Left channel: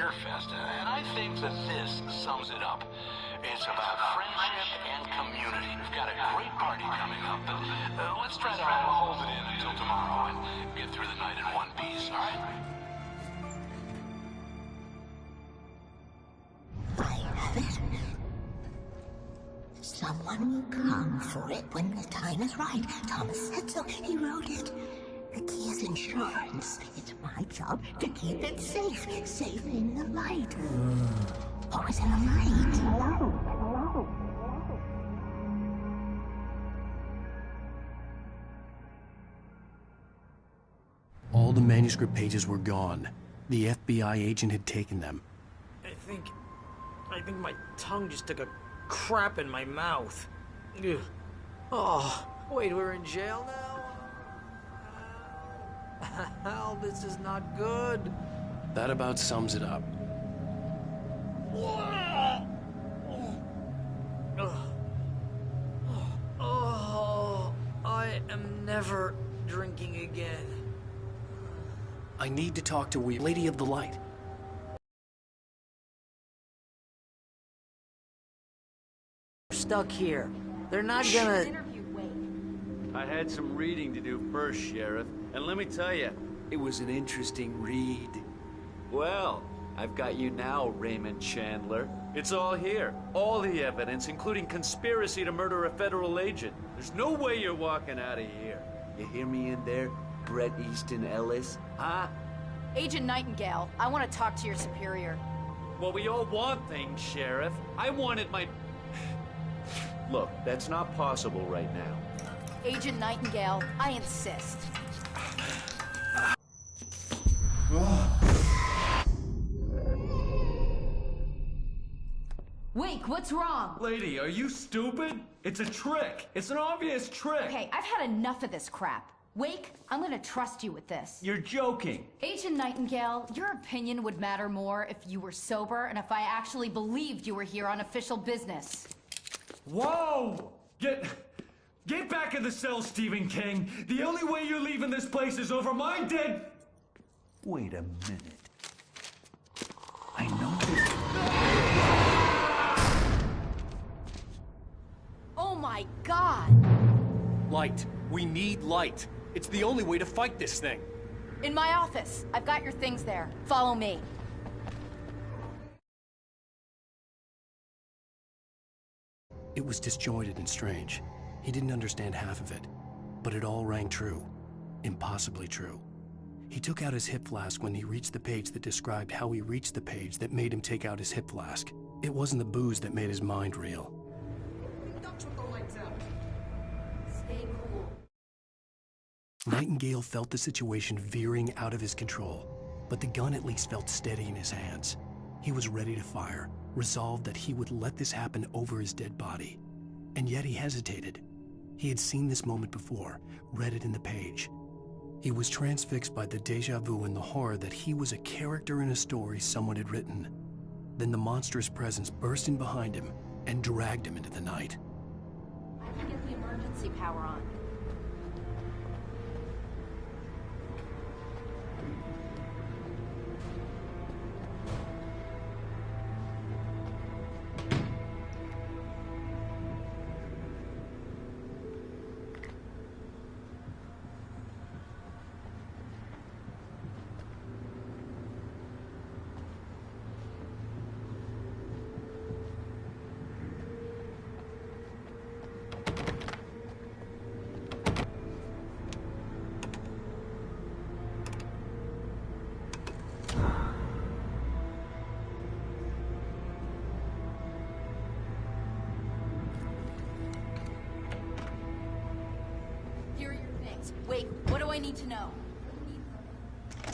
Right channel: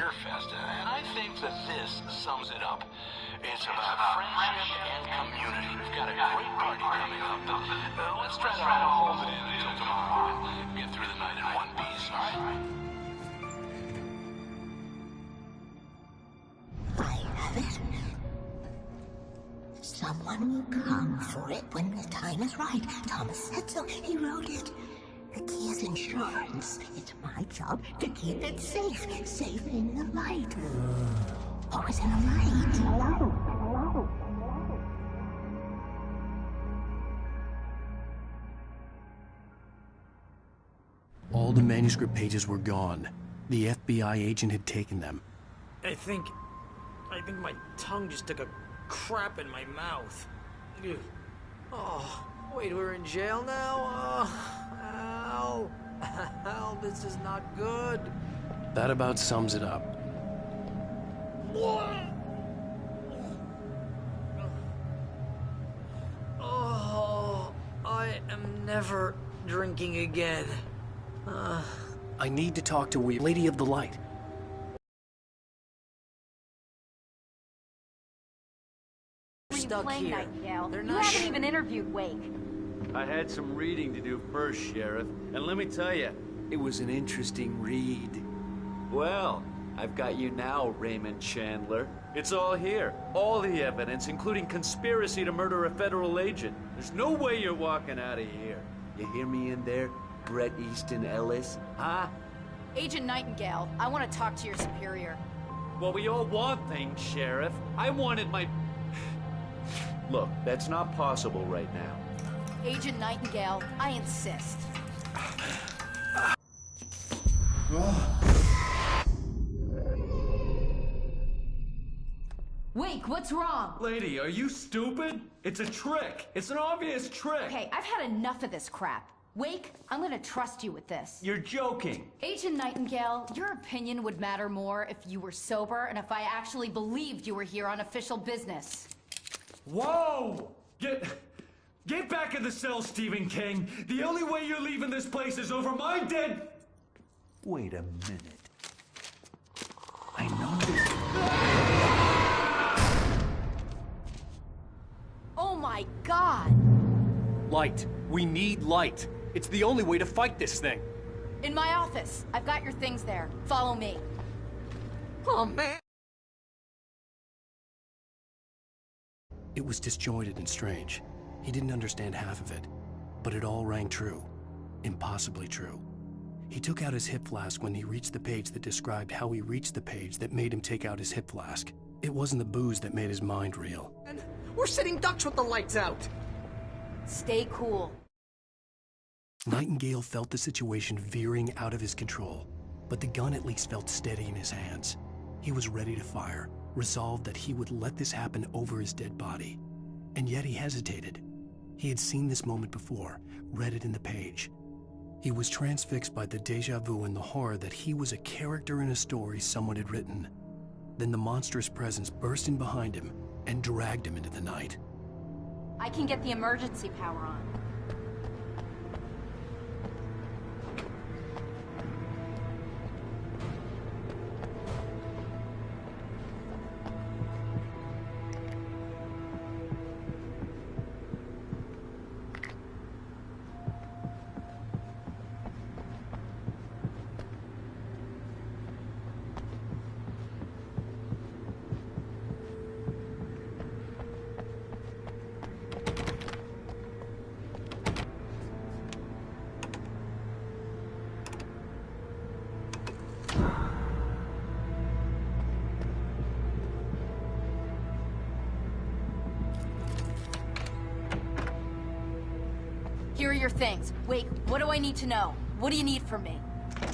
Cheer Fest, and I think that this sums it up. It's about friendship and community. We've got a great party coming up, but let's try to hold it in until tomorrow and get through the night in one piece, all right? I have it. Someone will come for it when the time is right. Thomas said so. He wrote it. The key is insurance. It's my job to keep it safe. Safe in the light. Always in the light. Hello. All the manuscript pages were gone. The FBI agent had taken them. I think my tongue just took a crap in my mouth. Ugh. Oh, wait, we're in jail now? Al, this is not good. That about sums it up. Oh, I am never drinking again. I need to talk to Lady of the Light. Stuck here. They're not You gonna... even interviewed Wake. I had some reading to do first, Sheriff, and let me tell you, it was an interesting read. Well, I've got you now, Raymond Chandler. It's all here. All the evidence, including conspiracy to murder a federal agent. There's no way you're walking out of here. You hear me in there, Bret Easton Ellis? Huh? Agent Nightingale, I want to talk to your superior. Well, we all want things, Sheriff. I wanted my... Look, that's not possible right now. Agent Nightingale, I insist. Wake, what's wrong? Lady, are you stupid? It's a trick. It's an obvious trick. Okay, I've had enough of this crap. Wake, I'm gonna trust you with this. You're joking. Agent Nightingale, your opinion would matter more if you were sober and if I actually believed you were here on official business. Whoa! Get back in the cell, Stephen King. The only way you're leaving this place is over my dead... Wait a minute. I know this... Oh my God! Light. We need light. It's the only way to fight this thing. In my office. I've got your things there. Follow me. Oh, man. It was disjointed and strange. He didn't understand half of it, but it all rang true. Impossibly true. He took out his hip flask when he reached the page that described how he reached the page that made him take out his hip flask. It wasn't the booze that made his mind reel. We're sitting ducks with the lights out. Stay cool. Nightingale felt the situation veering out of his control, but the gun at least felt steady in his hands. He was ready to fire, resolved that he would let this happen over his dead body. And yet he hesitated. He had seen this moment before, read it in the page. He was transfixed by the déjà vu and the horror that he was a character in a story someone had written. Then the monstrous presence burst in behind him and dragged him into the night. I can get the emergency power on. Here are your things. Wait, what do I need to know? What do you need from me?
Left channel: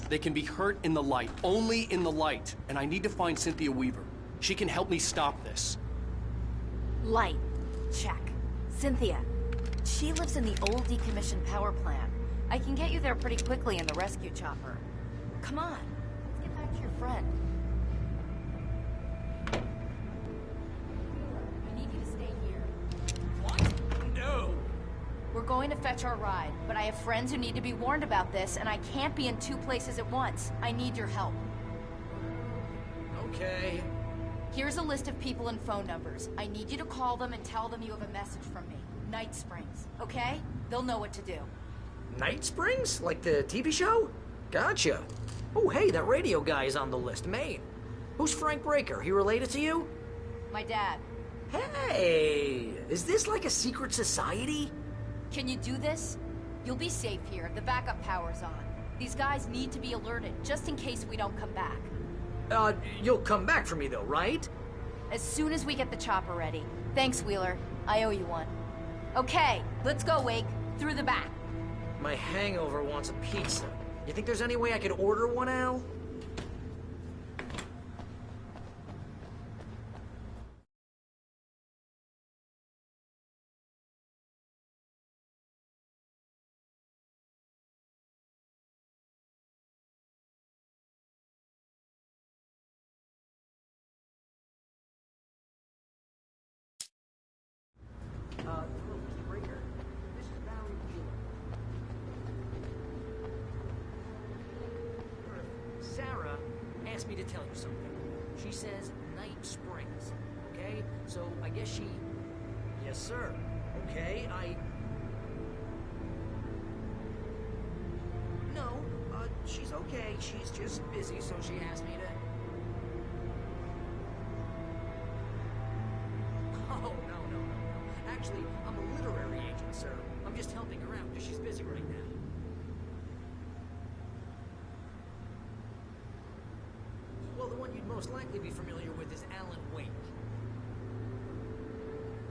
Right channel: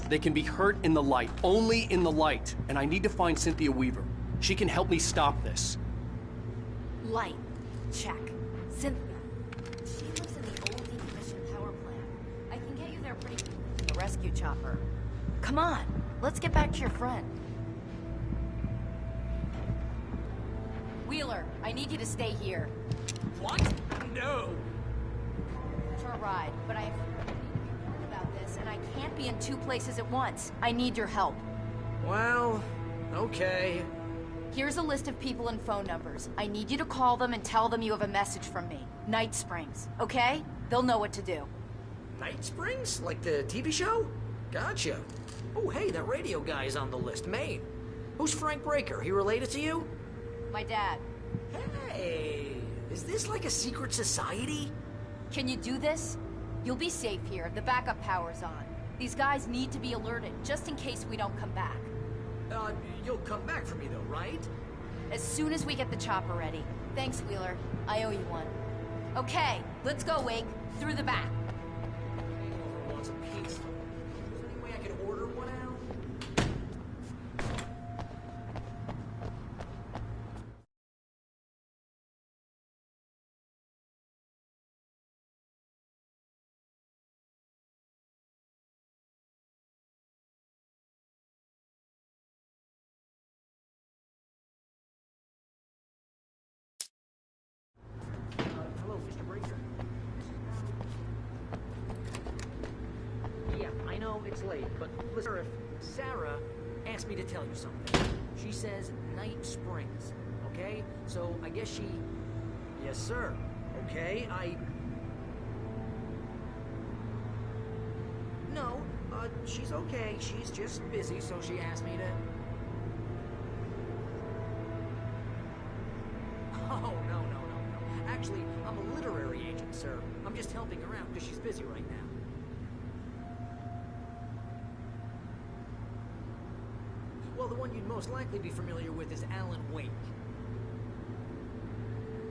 They can be hurt in the light, only in the light. And I need to find Cynthia Weaver. She can help me stop this. Light. Check. Cynthia. She lives in the old decommissioned power plant. I can get you there pretty quickly in the rescue chopper. Come on, let's get back to your friend. Wheeler, I need you to stay here. What? No. We're going to fetch our ride, but I have friends who need to be warned about this, and I can't be in two places at once. I need your help. Well, Okay. Here's a list of people and phone numbers. I need you to call them and tell them you have a message from me. Night Springs, okay? They'll know what to do. Night Springs? Like the TV show? Gotcha. Oh, hey, that radio guy is on the list. Maine. Who's Frank Breaker? He related to you? My dad. Hey, is this like a secret society? Can you do this? You'll be safe here. The backup power's on. These guys need to be alerted, just in case we don't come back. You'll come back for me though, right? As soon as we get the chopper ready. Thanks, Wheeler. I owe you one. Okay, let's go, Wake. Through the back. My hangover wants a pizza. You think there's any way I could order one, Al? Hello, Mr. Breaker. This is Barry. Yeah, I know it's late, but listen, Sarah asked me to tell you something. She says Night Springs, okay? So I guess she... Yes, sir. Okay, No, she's okay. She's just busy, so she asked me to... Oh, no. Actually, I'm a literary agent, sir. I'm just helping her out because she's busy right now. Well, the one you'd most likely be familiar with is Alan Wake.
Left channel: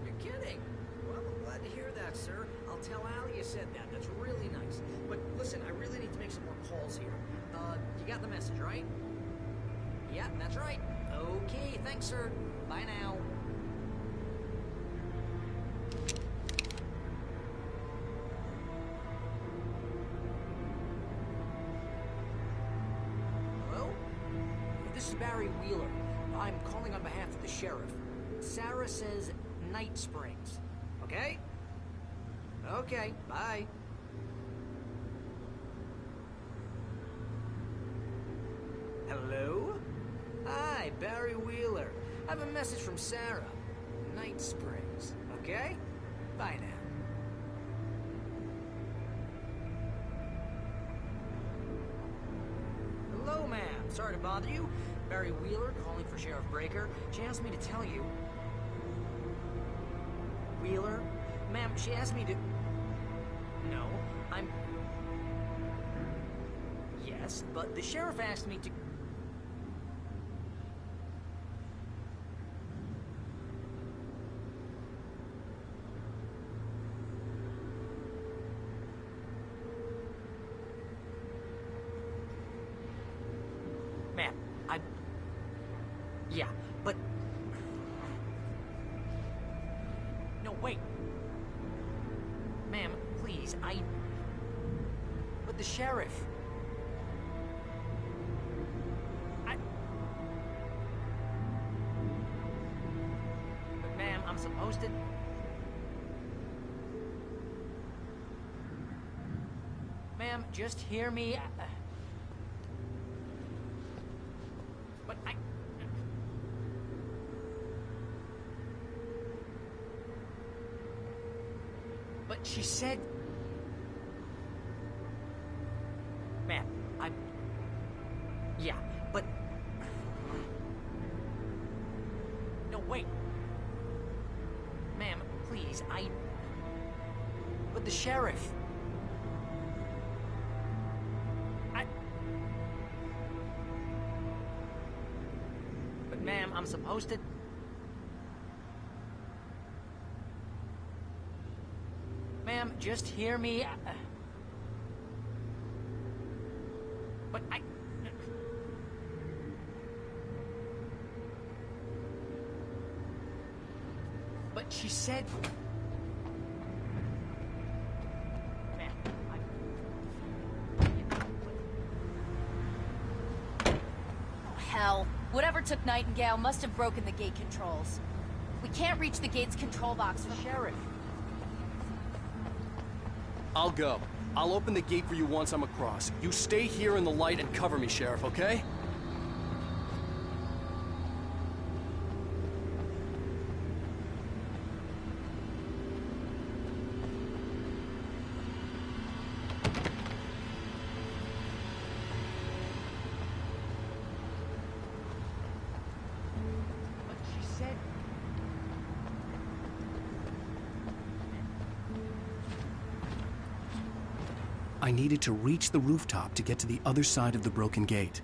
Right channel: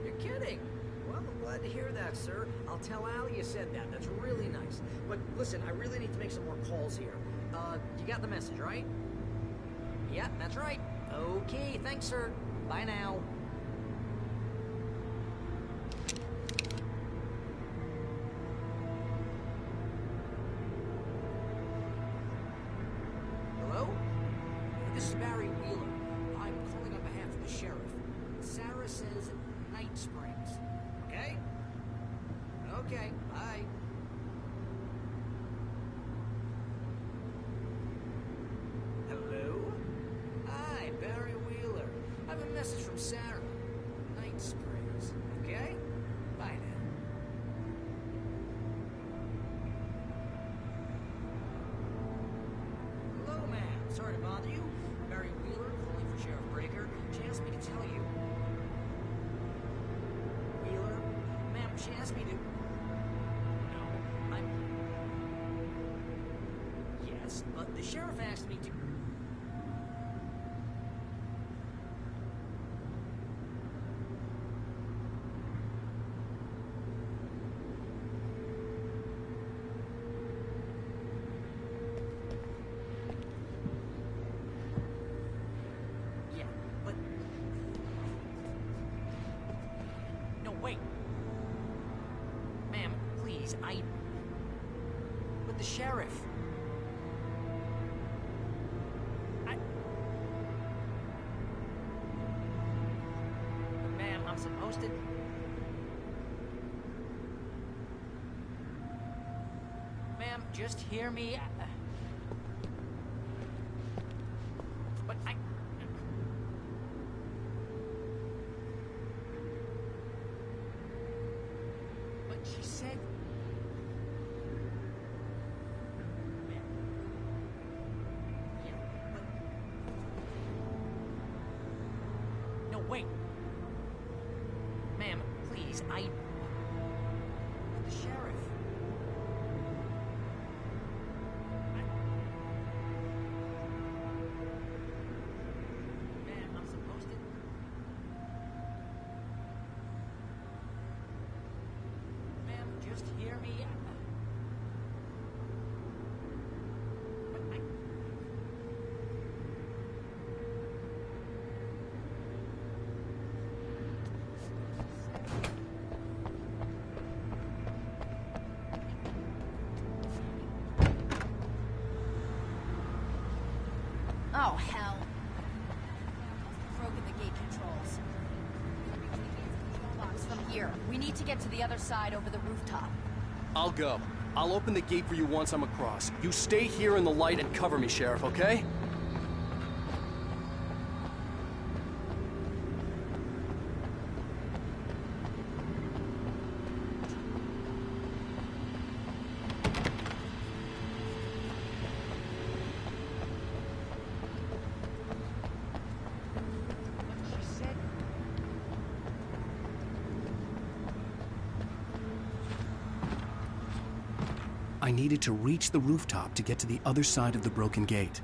You're kidding? Well, I'm glad to hear that, sir. I'll tell Al you said that. That's really nice. But listen, I really need to make some more calls here. You got the message, right? Yeah, that's right. Okay, thanks, sir. Bye now. Hello? This is Barry Wheeler. I'm calling on behalf of the sheriff. Sarah says Night Springs. Okay? Okay, bye. Hello? Hi, Barry Wheeler. I have a message from Sarah. Night Springs. Okay? Bye now. Hello, ma'am. Sorry to bother you. Barry Wheeler calling for Sheriff Breaker. She asked me to tell you... Wheeler? Ma'am, she asked me to... No, I'm... Yes, but the sheriff asked me to... Ma'am, I'm... Yeah, but... No, wait. Ma'am, please, But the sheriff... But ma'am, I'm supposed to... Ma'am, just hear me. But But she said... Ma'am, Yeah, but... No, wait. Ma'am, please, But the sheriff... But ma'am, I'm supposed to... Ma'am, just hear me. But But she said... Oh, hell. Whatever took Nightingale must have broken the gate controls. We can't reach the gate's control box from here. We need to get to the other side over the rooftop. I'll go. I'll open the gate for you once I'm across. You stay here in the light and cover me, Sheriff, okay? I needed to reach the rooftop to get to the other side of the broken gate.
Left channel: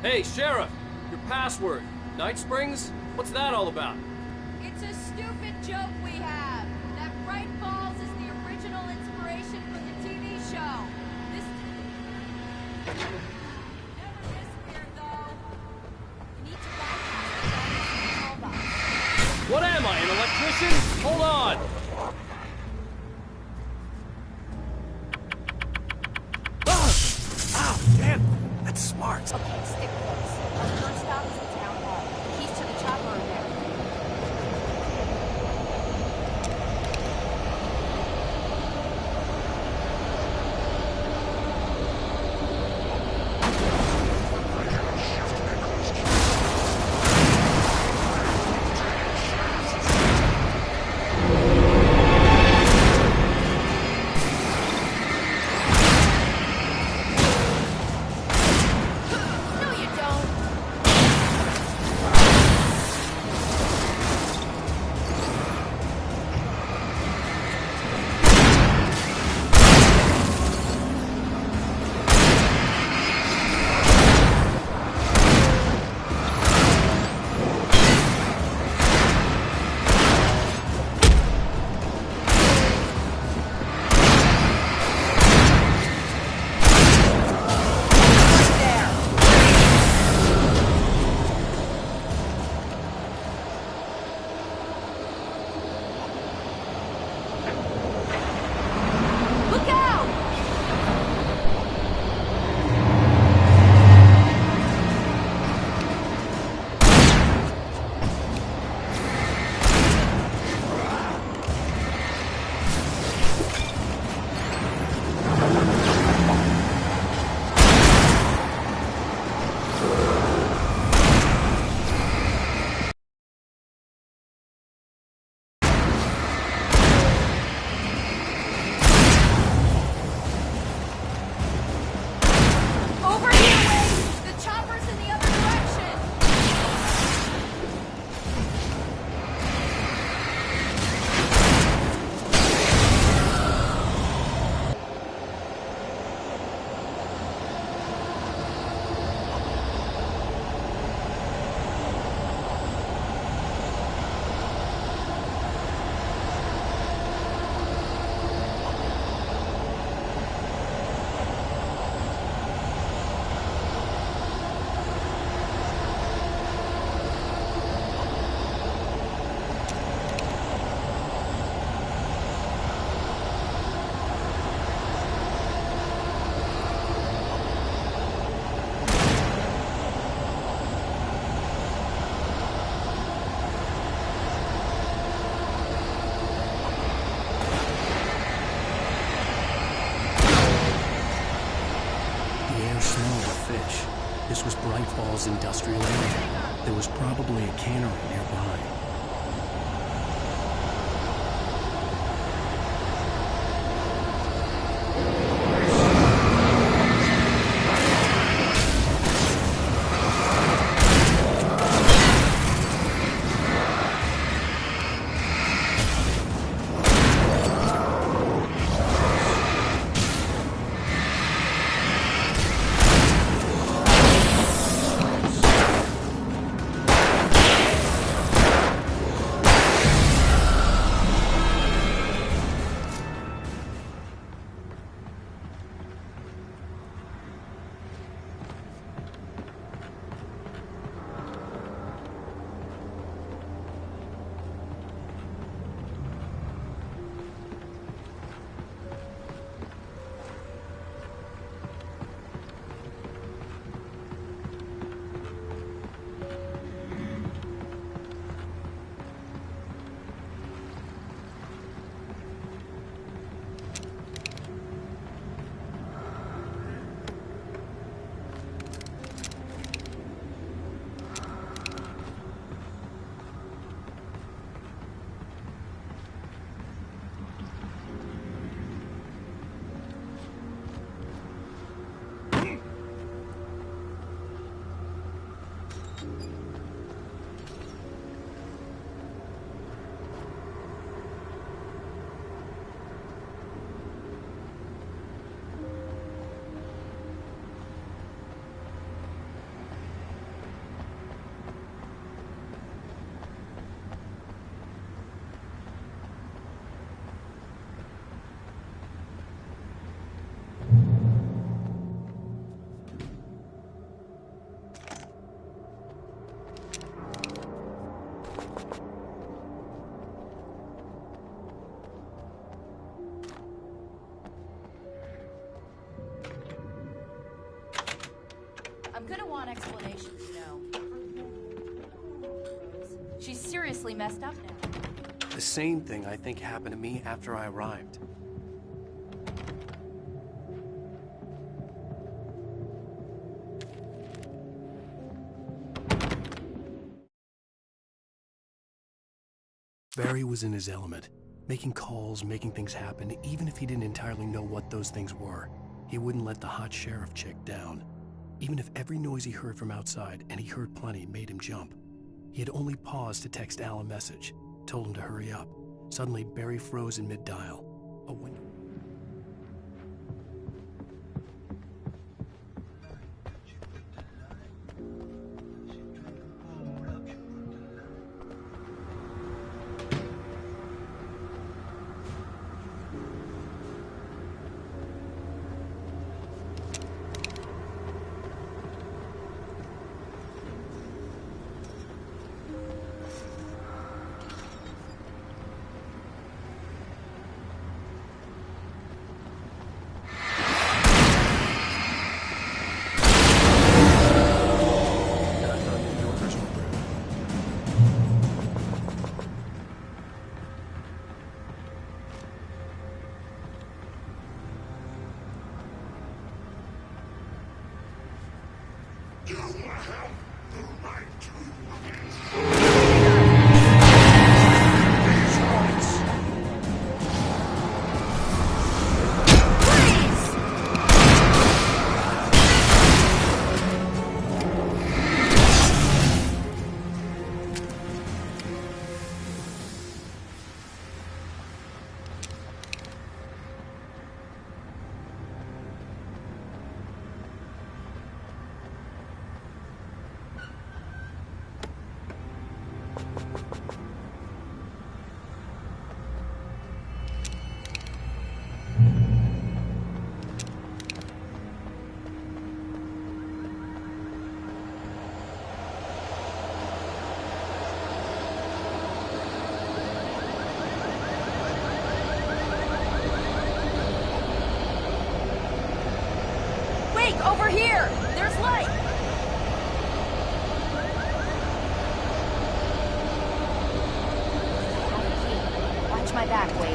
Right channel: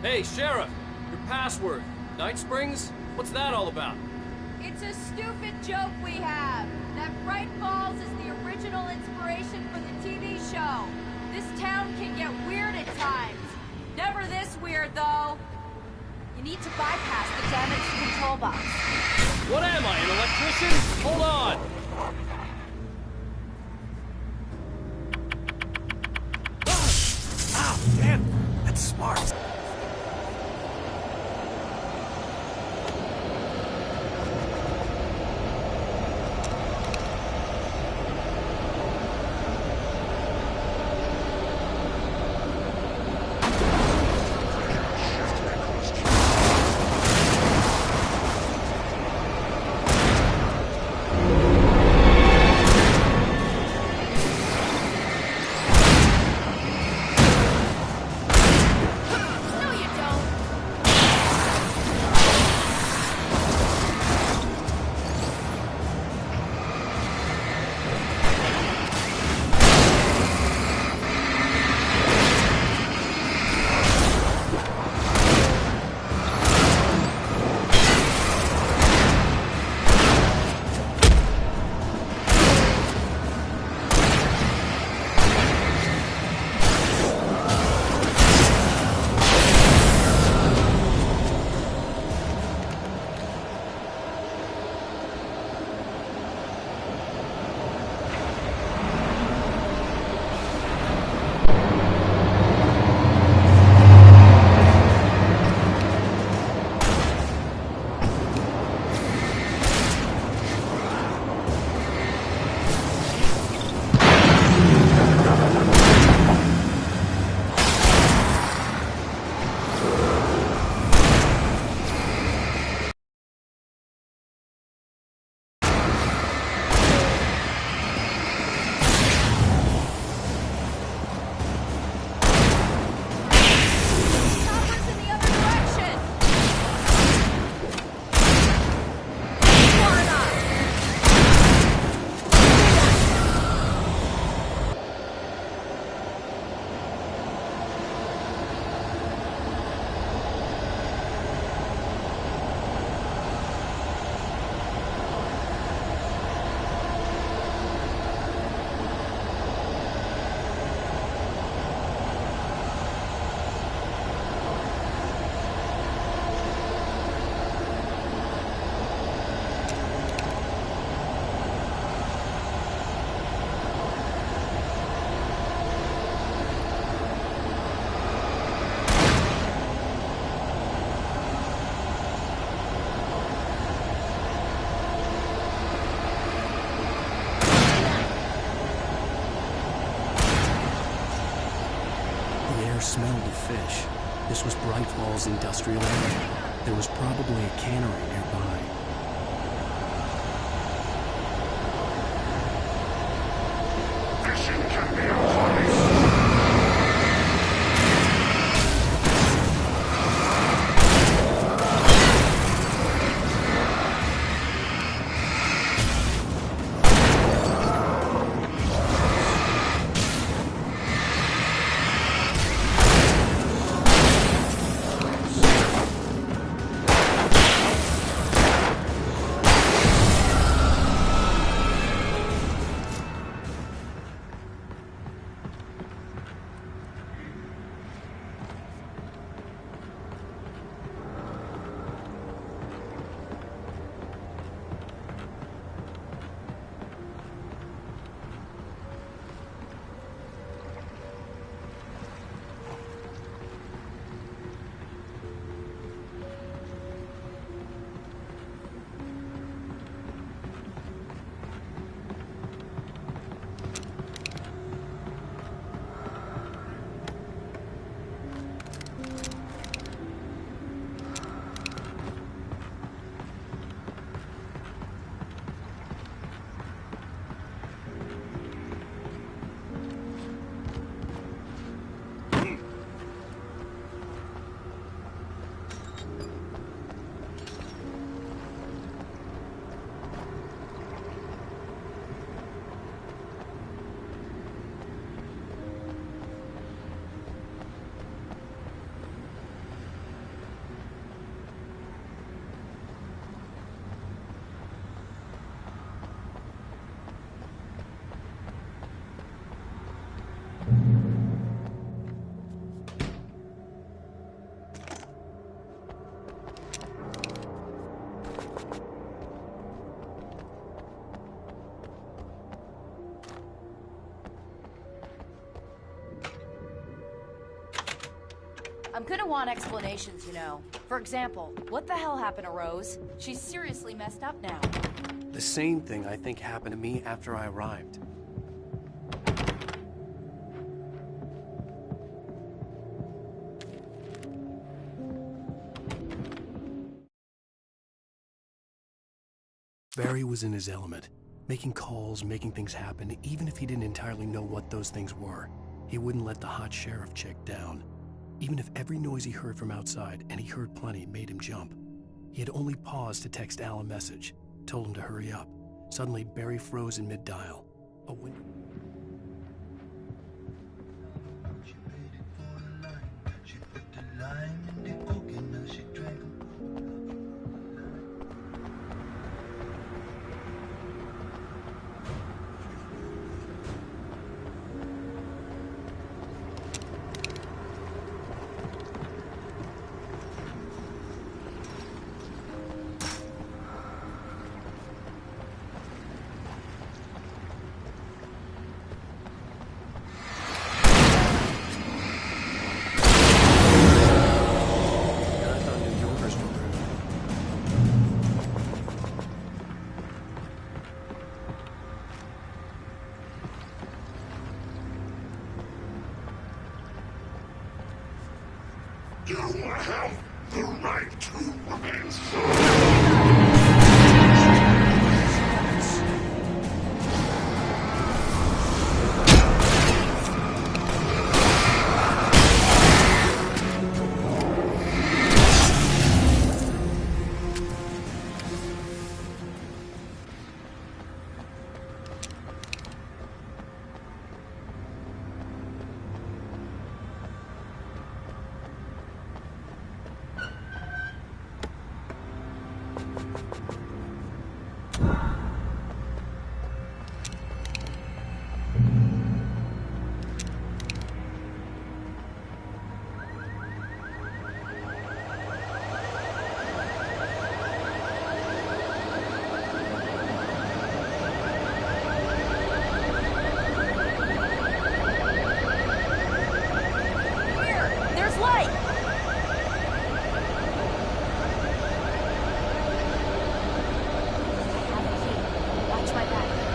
Hey, Sheriff! Your password. Night Springs? What's that all about? It's a stupid joke we have. That Bright Falls is the original inspiration for the TV show. This town can get weird at times. Never this weird, though. You need to bypass the damaged control box. What am I, an electrician? Hold on! Ow, damn! That's smart. Okay, stick with us. First stop is the town hall. Keys to the chopper are there. The air smelled of fish. This was Bright Falls Industrial Area. There was probably a cannery nearby. I'm gonna want explanations, you know. For example, what the hell happened to Rose? She's seriously messed up now. The same thing I think happened to me after I arrived. Barry was in his element, making calls, making things happen, even if he didn't entirely know what those things were. He wouldn't let the hot sheriff chick down. Even if every noise he heard from outside, and he heard plenty, made him jump. He had only paused to text Al a message, told him to hurry up. Suddenly, Barry froze in mid-dial. A window... You have the right to remain my back, Wade.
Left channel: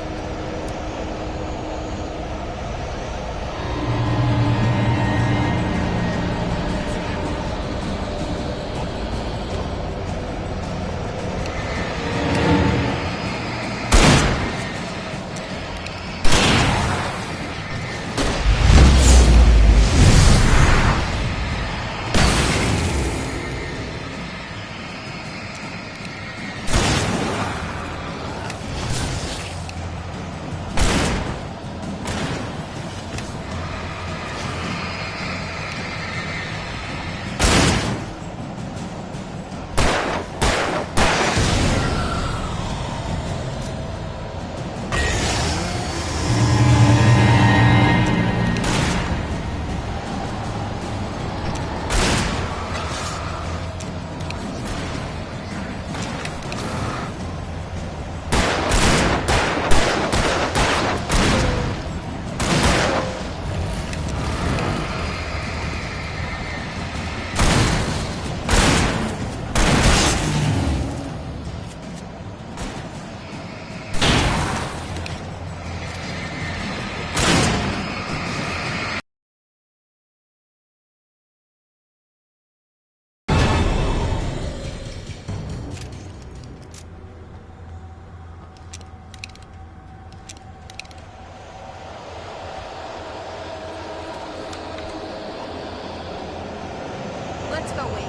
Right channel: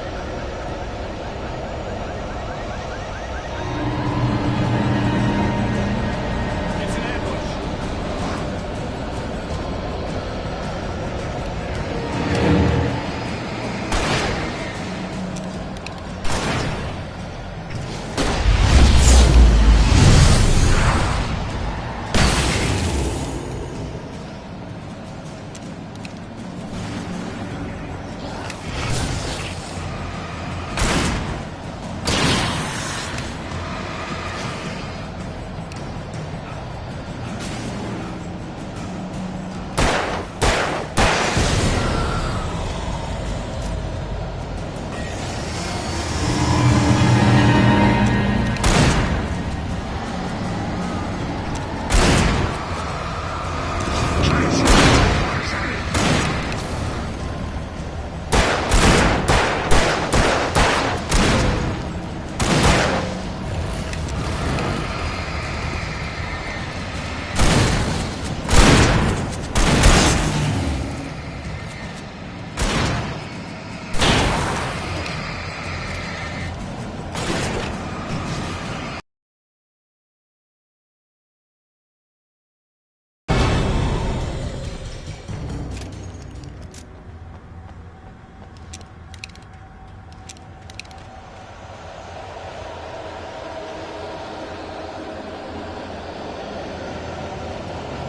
Let's go, Wade.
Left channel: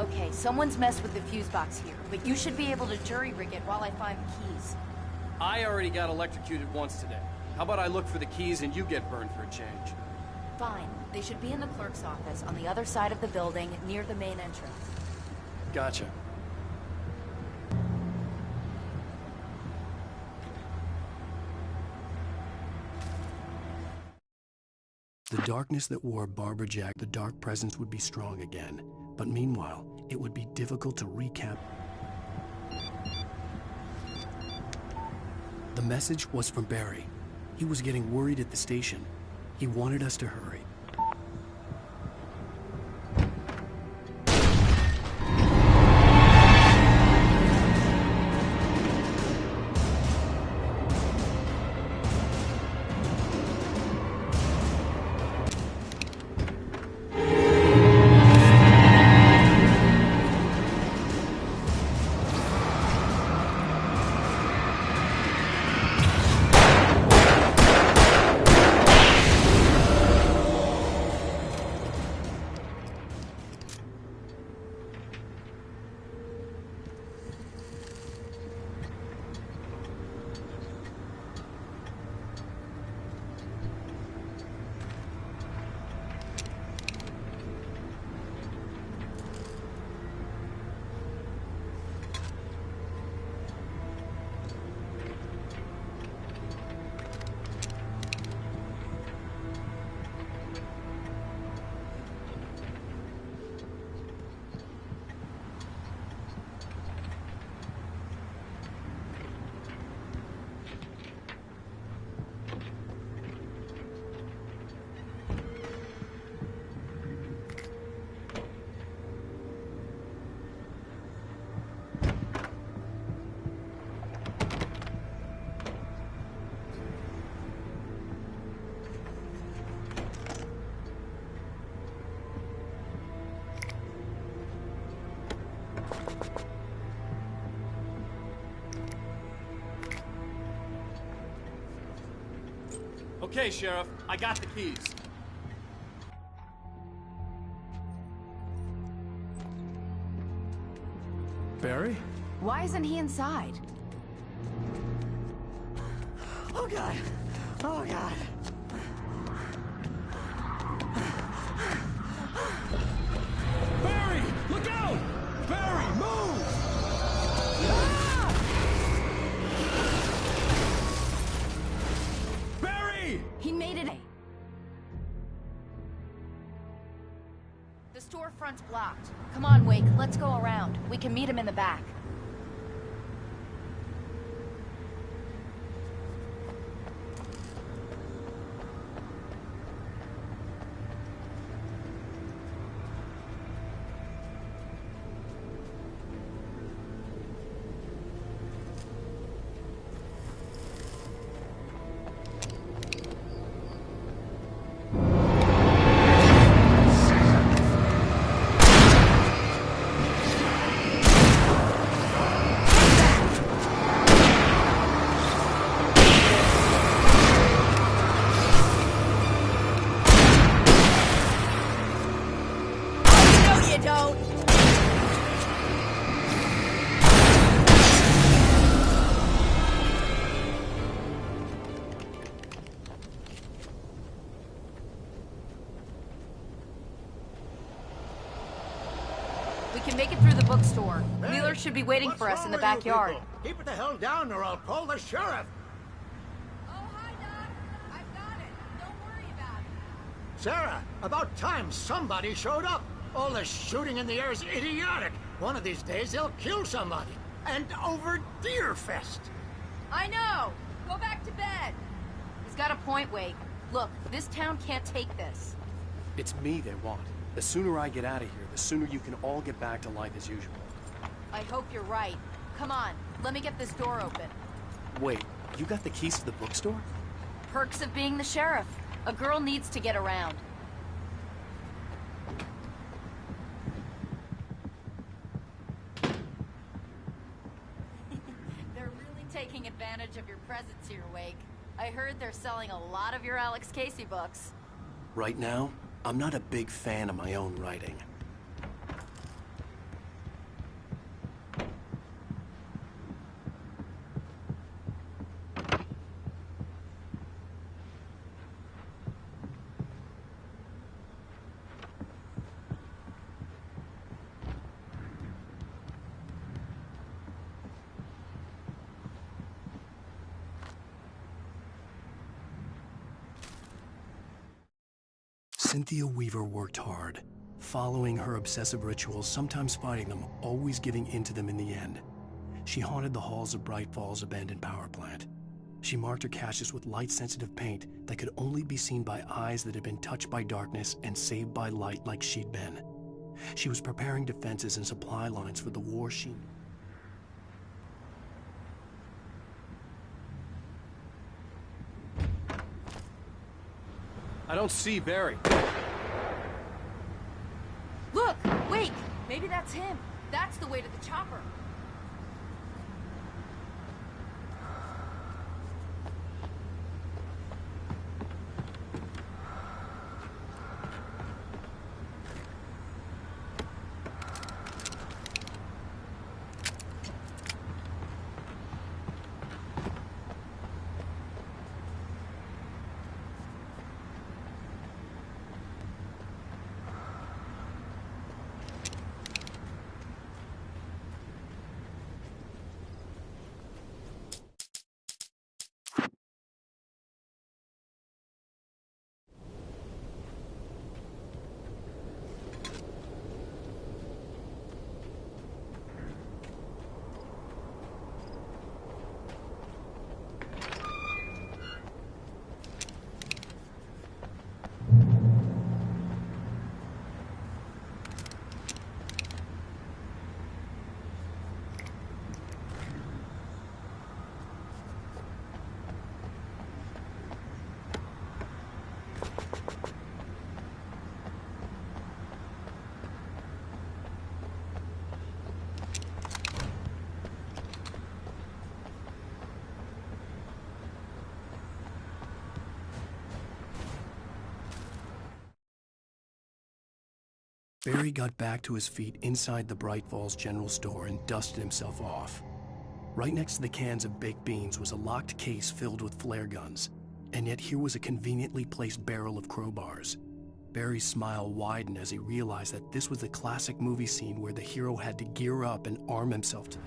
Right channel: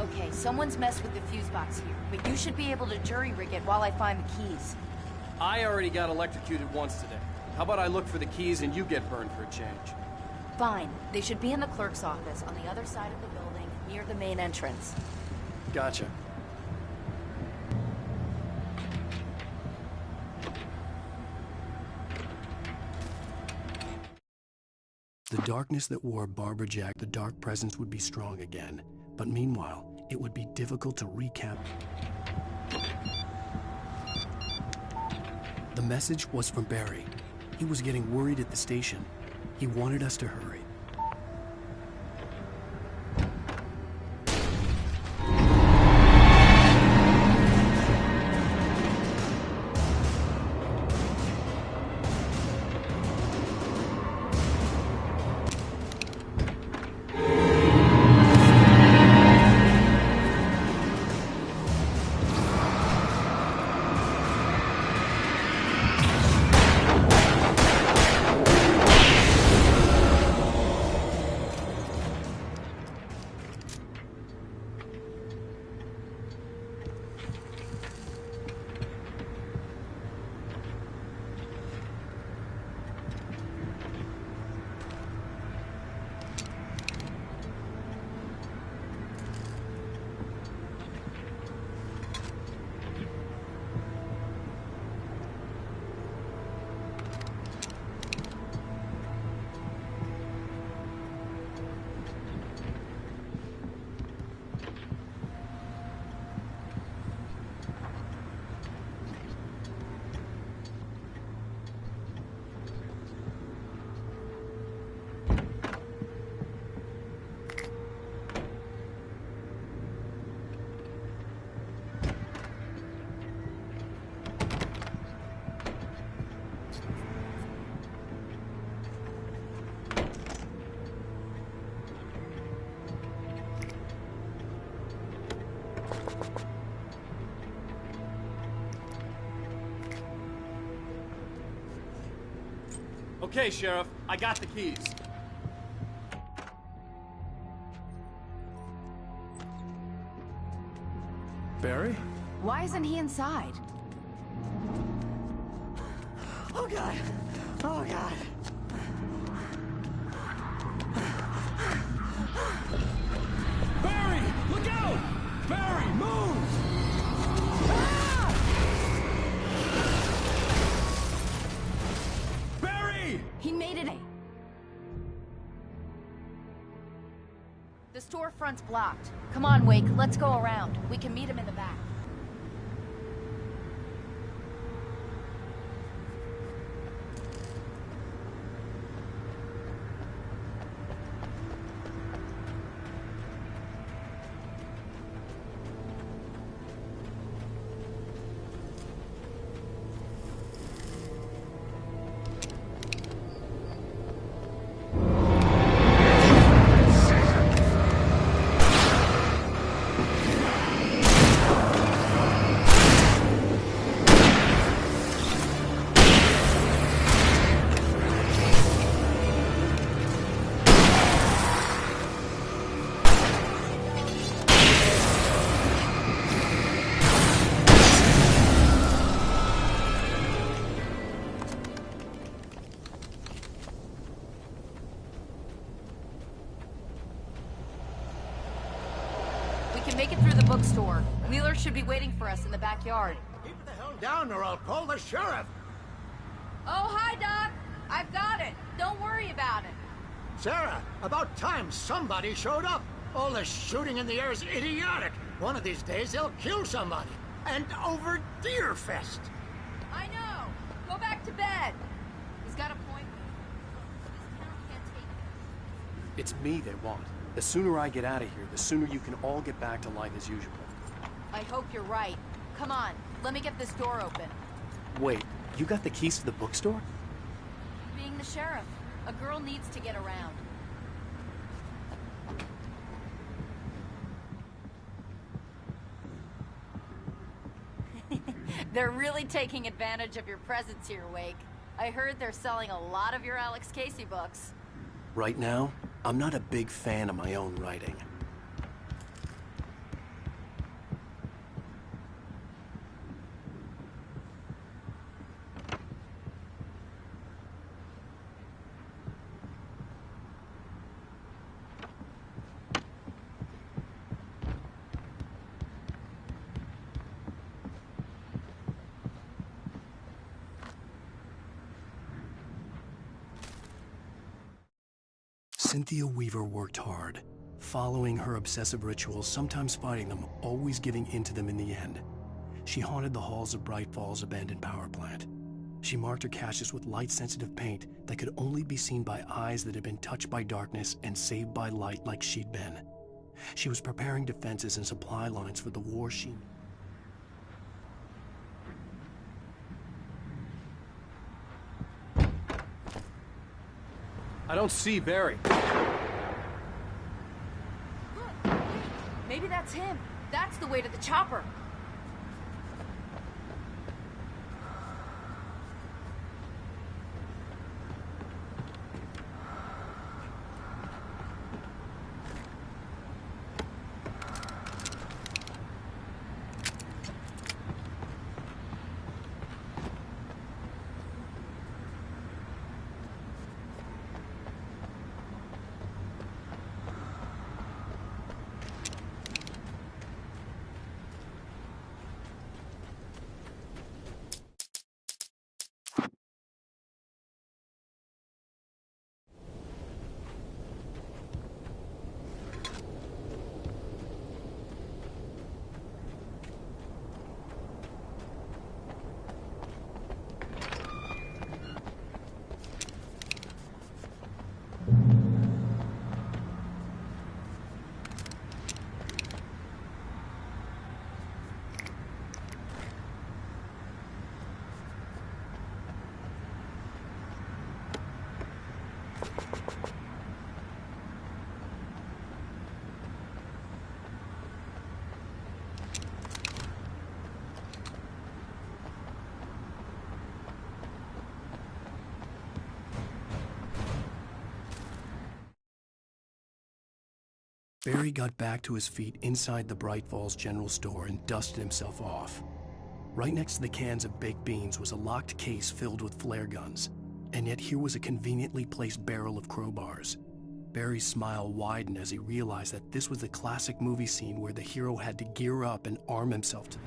Okay, someone's messed with the fuse box here, but you should be able to jury-rig it while I find the keys. I already got electrocuted once today. How about I look for the keys and you get burned for a change? Fine. They should be in the clerk's office on the other side of the building, near the main entrance. Gotcha. The darkness that wore Barbara Jack, the dark presence would be strong again. But meanwhile, it would be difficult to recap. The message was from Barry. He was getting worried at the station. He wanted us to hurry. Okay, Sheriff, I got the keys. Barry? Why isn't he inside? Oh, God. Oh, God. Barry! Look out! Barry, move! Barry! He made it. The storefront's blocked. Come on, Wake, let's go around. We can meet him in the back. We can make it through the bookstore. Wheeler should be waiting for us in the backyard. Keep it the hell down or I'll call the sheriff. Oh, hi, Doc. I've got it. Don't worry about it. Sarah, about time somebody showed up. All this shooting in the air is idiotic. One of these days they'll kill somebody. And over Deerfest. I know. Go back to bed. He's got a point, Wake. Look, this town can't take this. It's me they want. The sooner I get out of here, the sooner you can all get back to life as usual. I hope you're right. Come on, let me get this door open. Wait, you got the keys to the bookstore? Perks of being the sheriff. A girl needs to get around. They're really taking advantage of your presence here, Wake. I heard they're selling a lot of your Alex Casey books. Right now, I'm not a big fan of my own writing. Cynthia Weaver worked hard, following her obsessive rituals, sometimes fighting them, always giving in to them in the end. She haunted the halls of Bright Falls' abandoned power plant. She marked her caches with light-sensitive paint that could only be seen by eyes that had been touched by darkness and saved by light like she'd been. She was preparing defenses and supply lines for the war she... I don't see Barry. Look! Wait! Maybe that's him. That's the way to the chopper. Barry got back to his feet inside the Bright Falls General Store and dusted himself off. Right next to the cans of baked beans was a locked case filled with flare guns, and yet here was a conveniently placed barrel of crowbars. Barry's smile widened as he realized that this was the classic movie scene where the hero had to gear up and arm himself to the...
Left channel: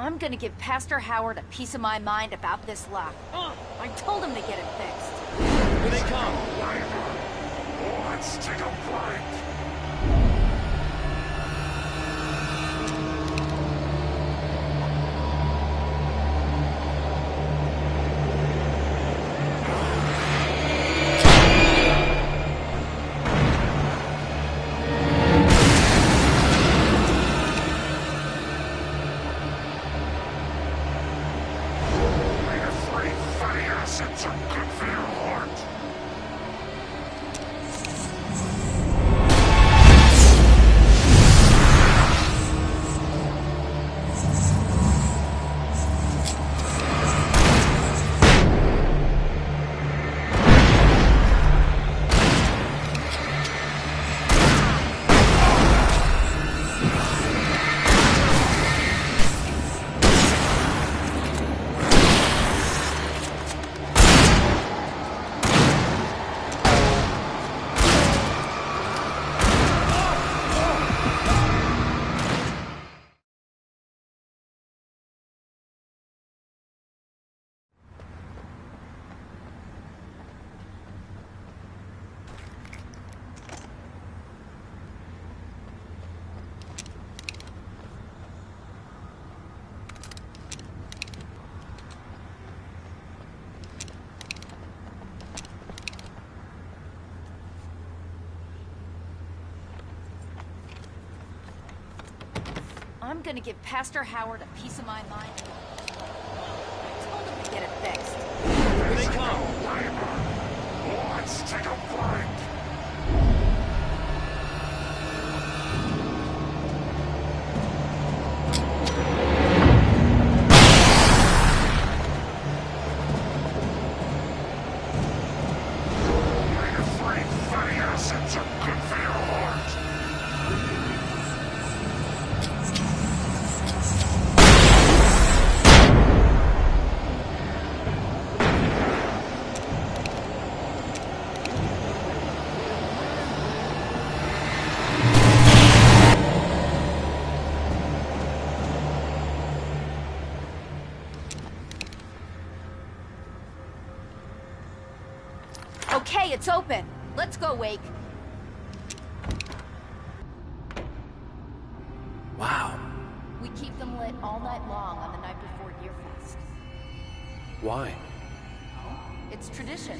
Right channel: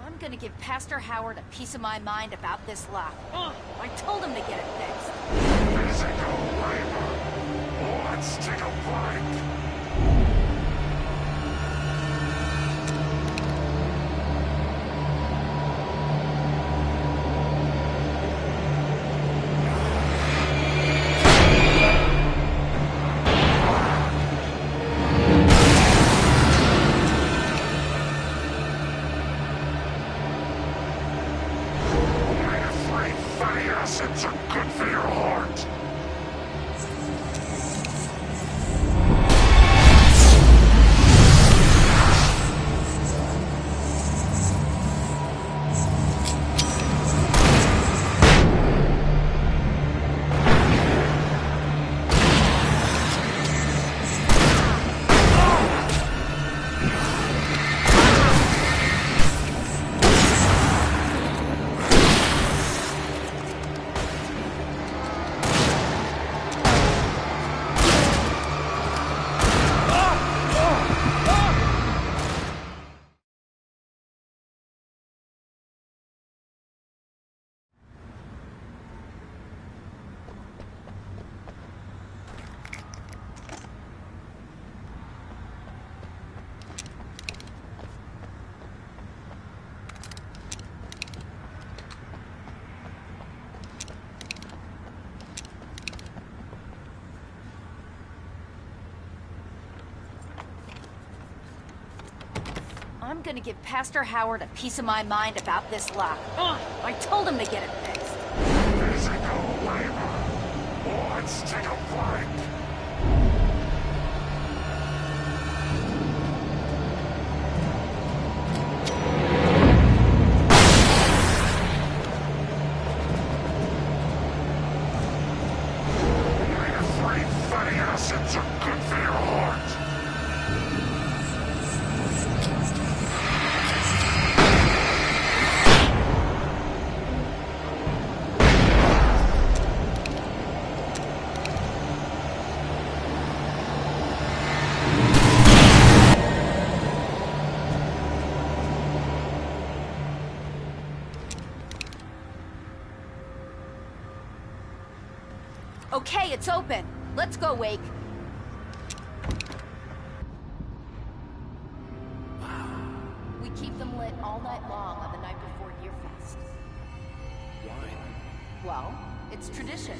I'm gonna give Pastor Howard a piece of my mind about this lock. I told him to get it fixed. Let's take a break. Acids are good for your heart. I'm gonna give Pastor Howard a piece of my mind about this lock. I told him to get it fixed. Physical labor. Let's take a break. Omega-3 fatty acids are good for your heart. Okay, it's open. Let's go, Wake. Wow. We keep them lit all night long on the night before Deerfest. Why? Well, it's tradition.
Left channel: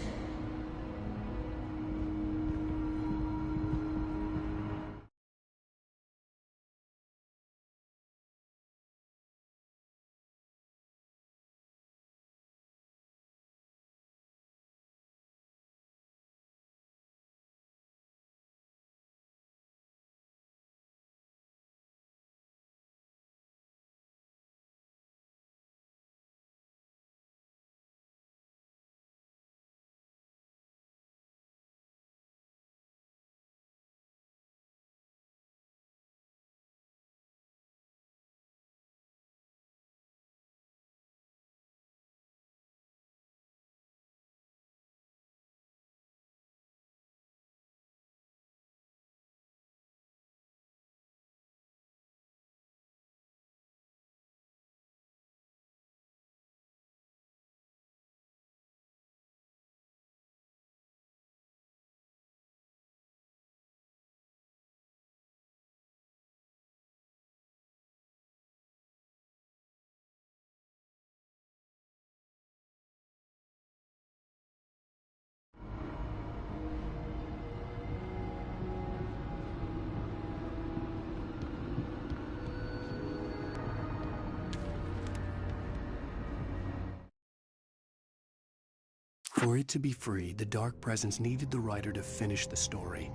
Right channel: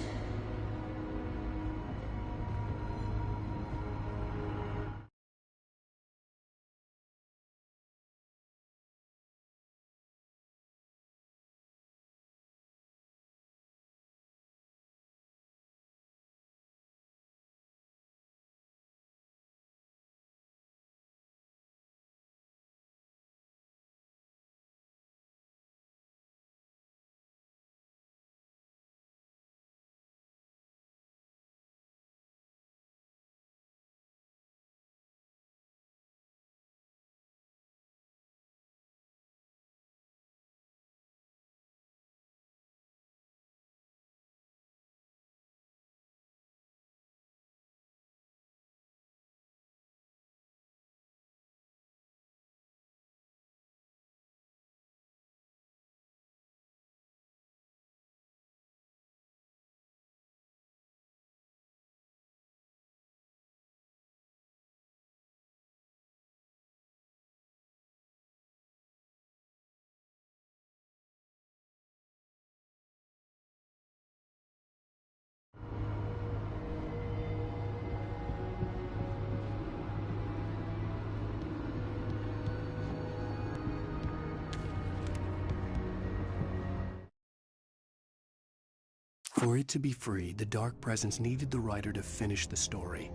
For it to be free, the Dark Presence needed the writer to finish the story.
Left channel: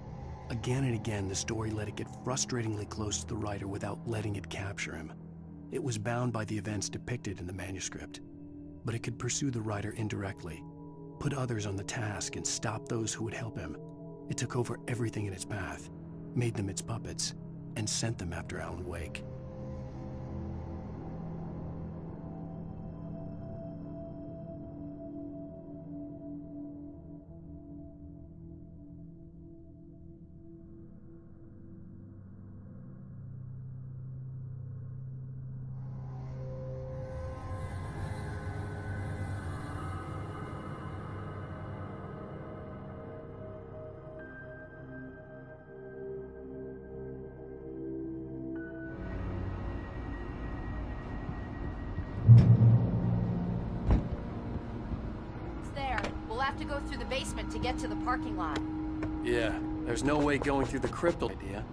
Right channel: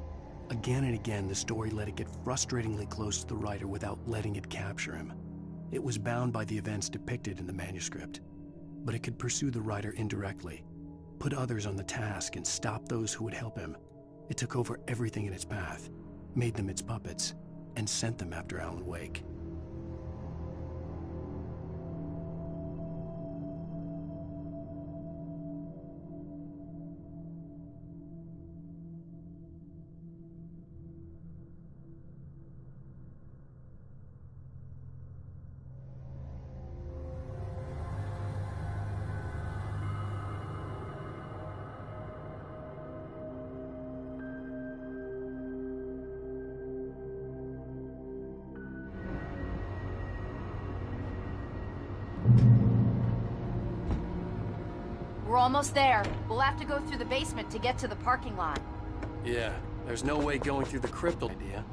Again and again, the story let it get frustratingly close to the writer without letting it capture him. It was bound by the events depicted in the manuscript, but it could pursue the writer indirectly, put others on the task, and stop those who would help him. It took over everything in its path, made them its puppets, and sent them after Alan Wake. We're almost there. We'll have to go through the basement to get to the parking lot. Yeah, there's no way going through the crypt idea.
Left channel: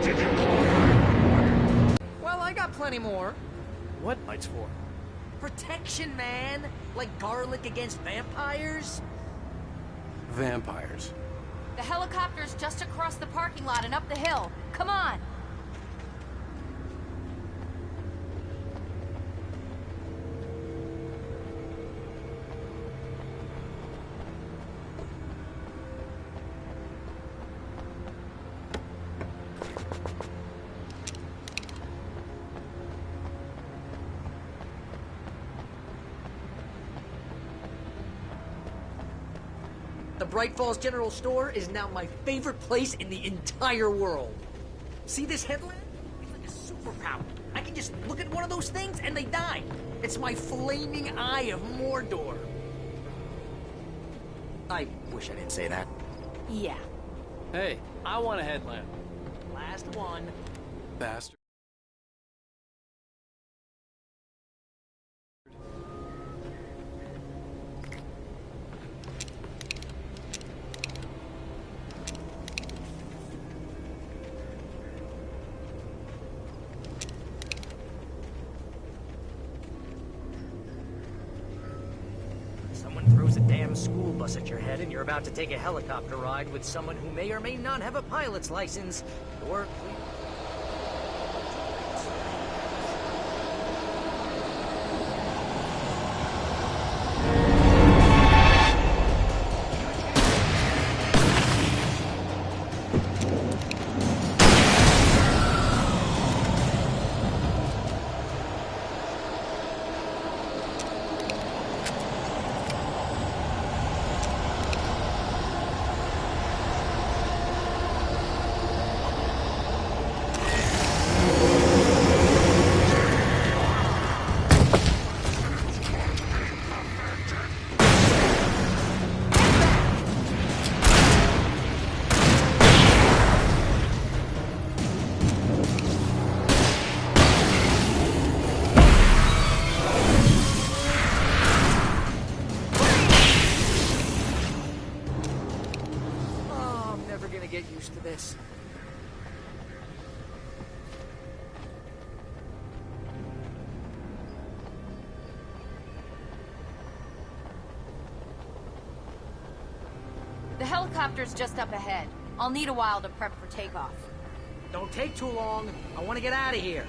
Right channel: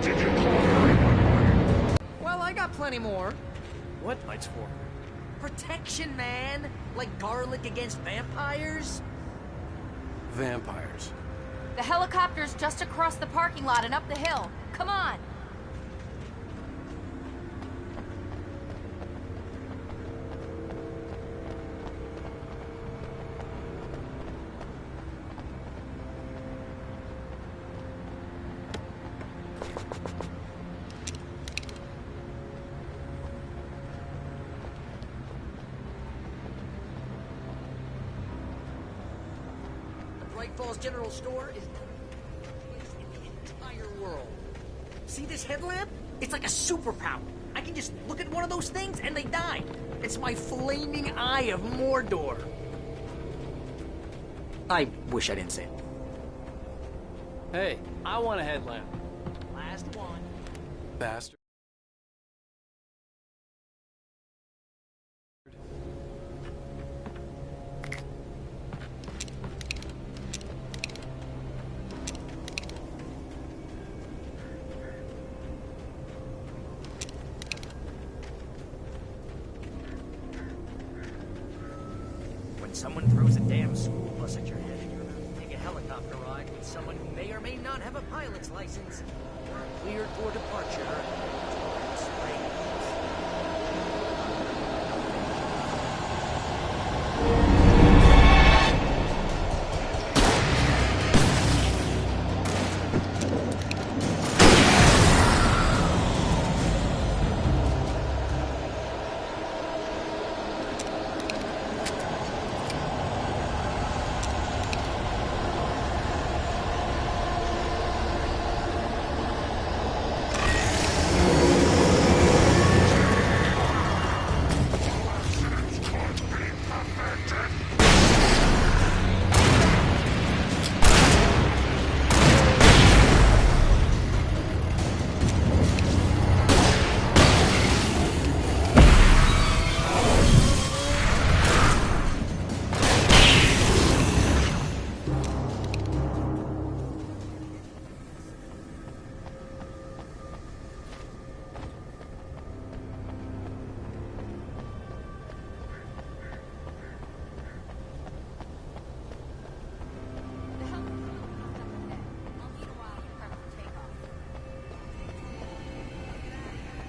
Did you call 911? Well, I got plenty more. What lights for? Protection, man! Like garlic against vampires? Vampires. The helicopter's just across the parking lot and up the hill. Come on! Bright Falls General Store is now my favorite place in the entire world. See this headlamp? It's like a superpower. I can just look at one of those things and they die. It's my flaming eye of Mordor. I wish I didn't say that. Yeah. Hey, I want a headlamp. Last one. Bastard. Someone throws a damn school bus at your head and you're about to take a helicopter ride with someone who may or may not have a pilot's license, you're cleared for departure. Drake Springs. The helicopter's just up ahead. I'll need a while to prep for takeoff. Don't take too long. I want to get out of here.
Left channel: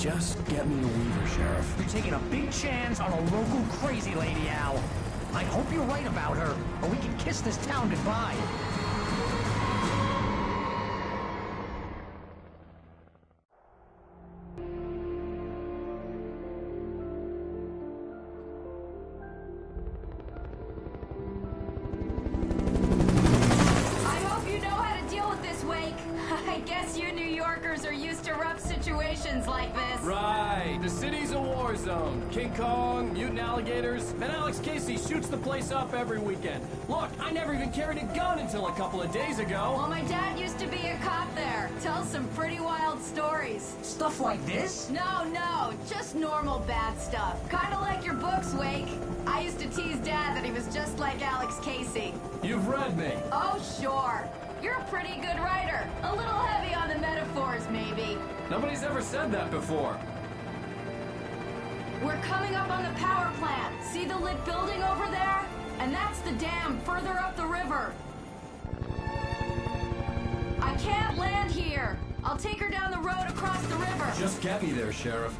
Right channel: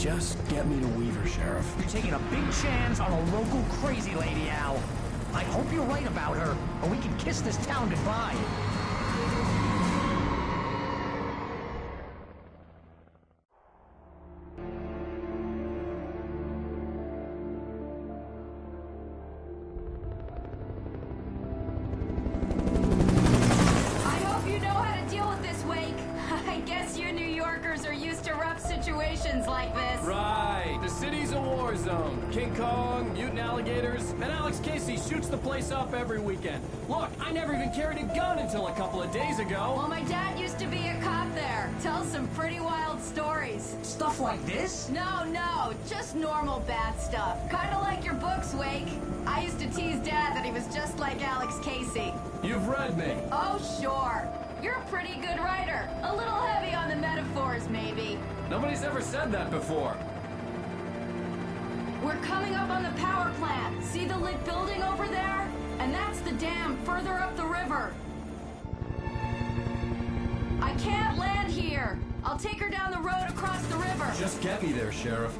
Just get me to Weaver, Sheriff. You're taking a big chance on a local crazy lady, Al. I hope you're right about her, or we can kiss this town goodbye. Like this. Right. The city's a war zone. King Kong, mutant alligators, and Alex Casey shoots the place up every weekend. Look, I never even carried a gun until a couple of days ago. Well, my dad used to be a cop there. Tells some pretty wild stories. Stuff like this? No, just normal bad stuff. Kinda like your books, Wake. I used to tease Dad that he was just like Alex Casey. You've read me. Oh, sure. You're a pretty good writer. A little heavy on the metaphors, maybe. Nobody's ever said that before. We're coming up on the power plant. See the lit building over there? And that's the dam further up the river. I can't land here. I'll take her down the road across the river. Just get me there, Sheriff.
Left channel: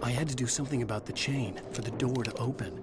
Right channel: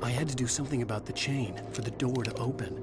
I had to do something about the chain for the door to open.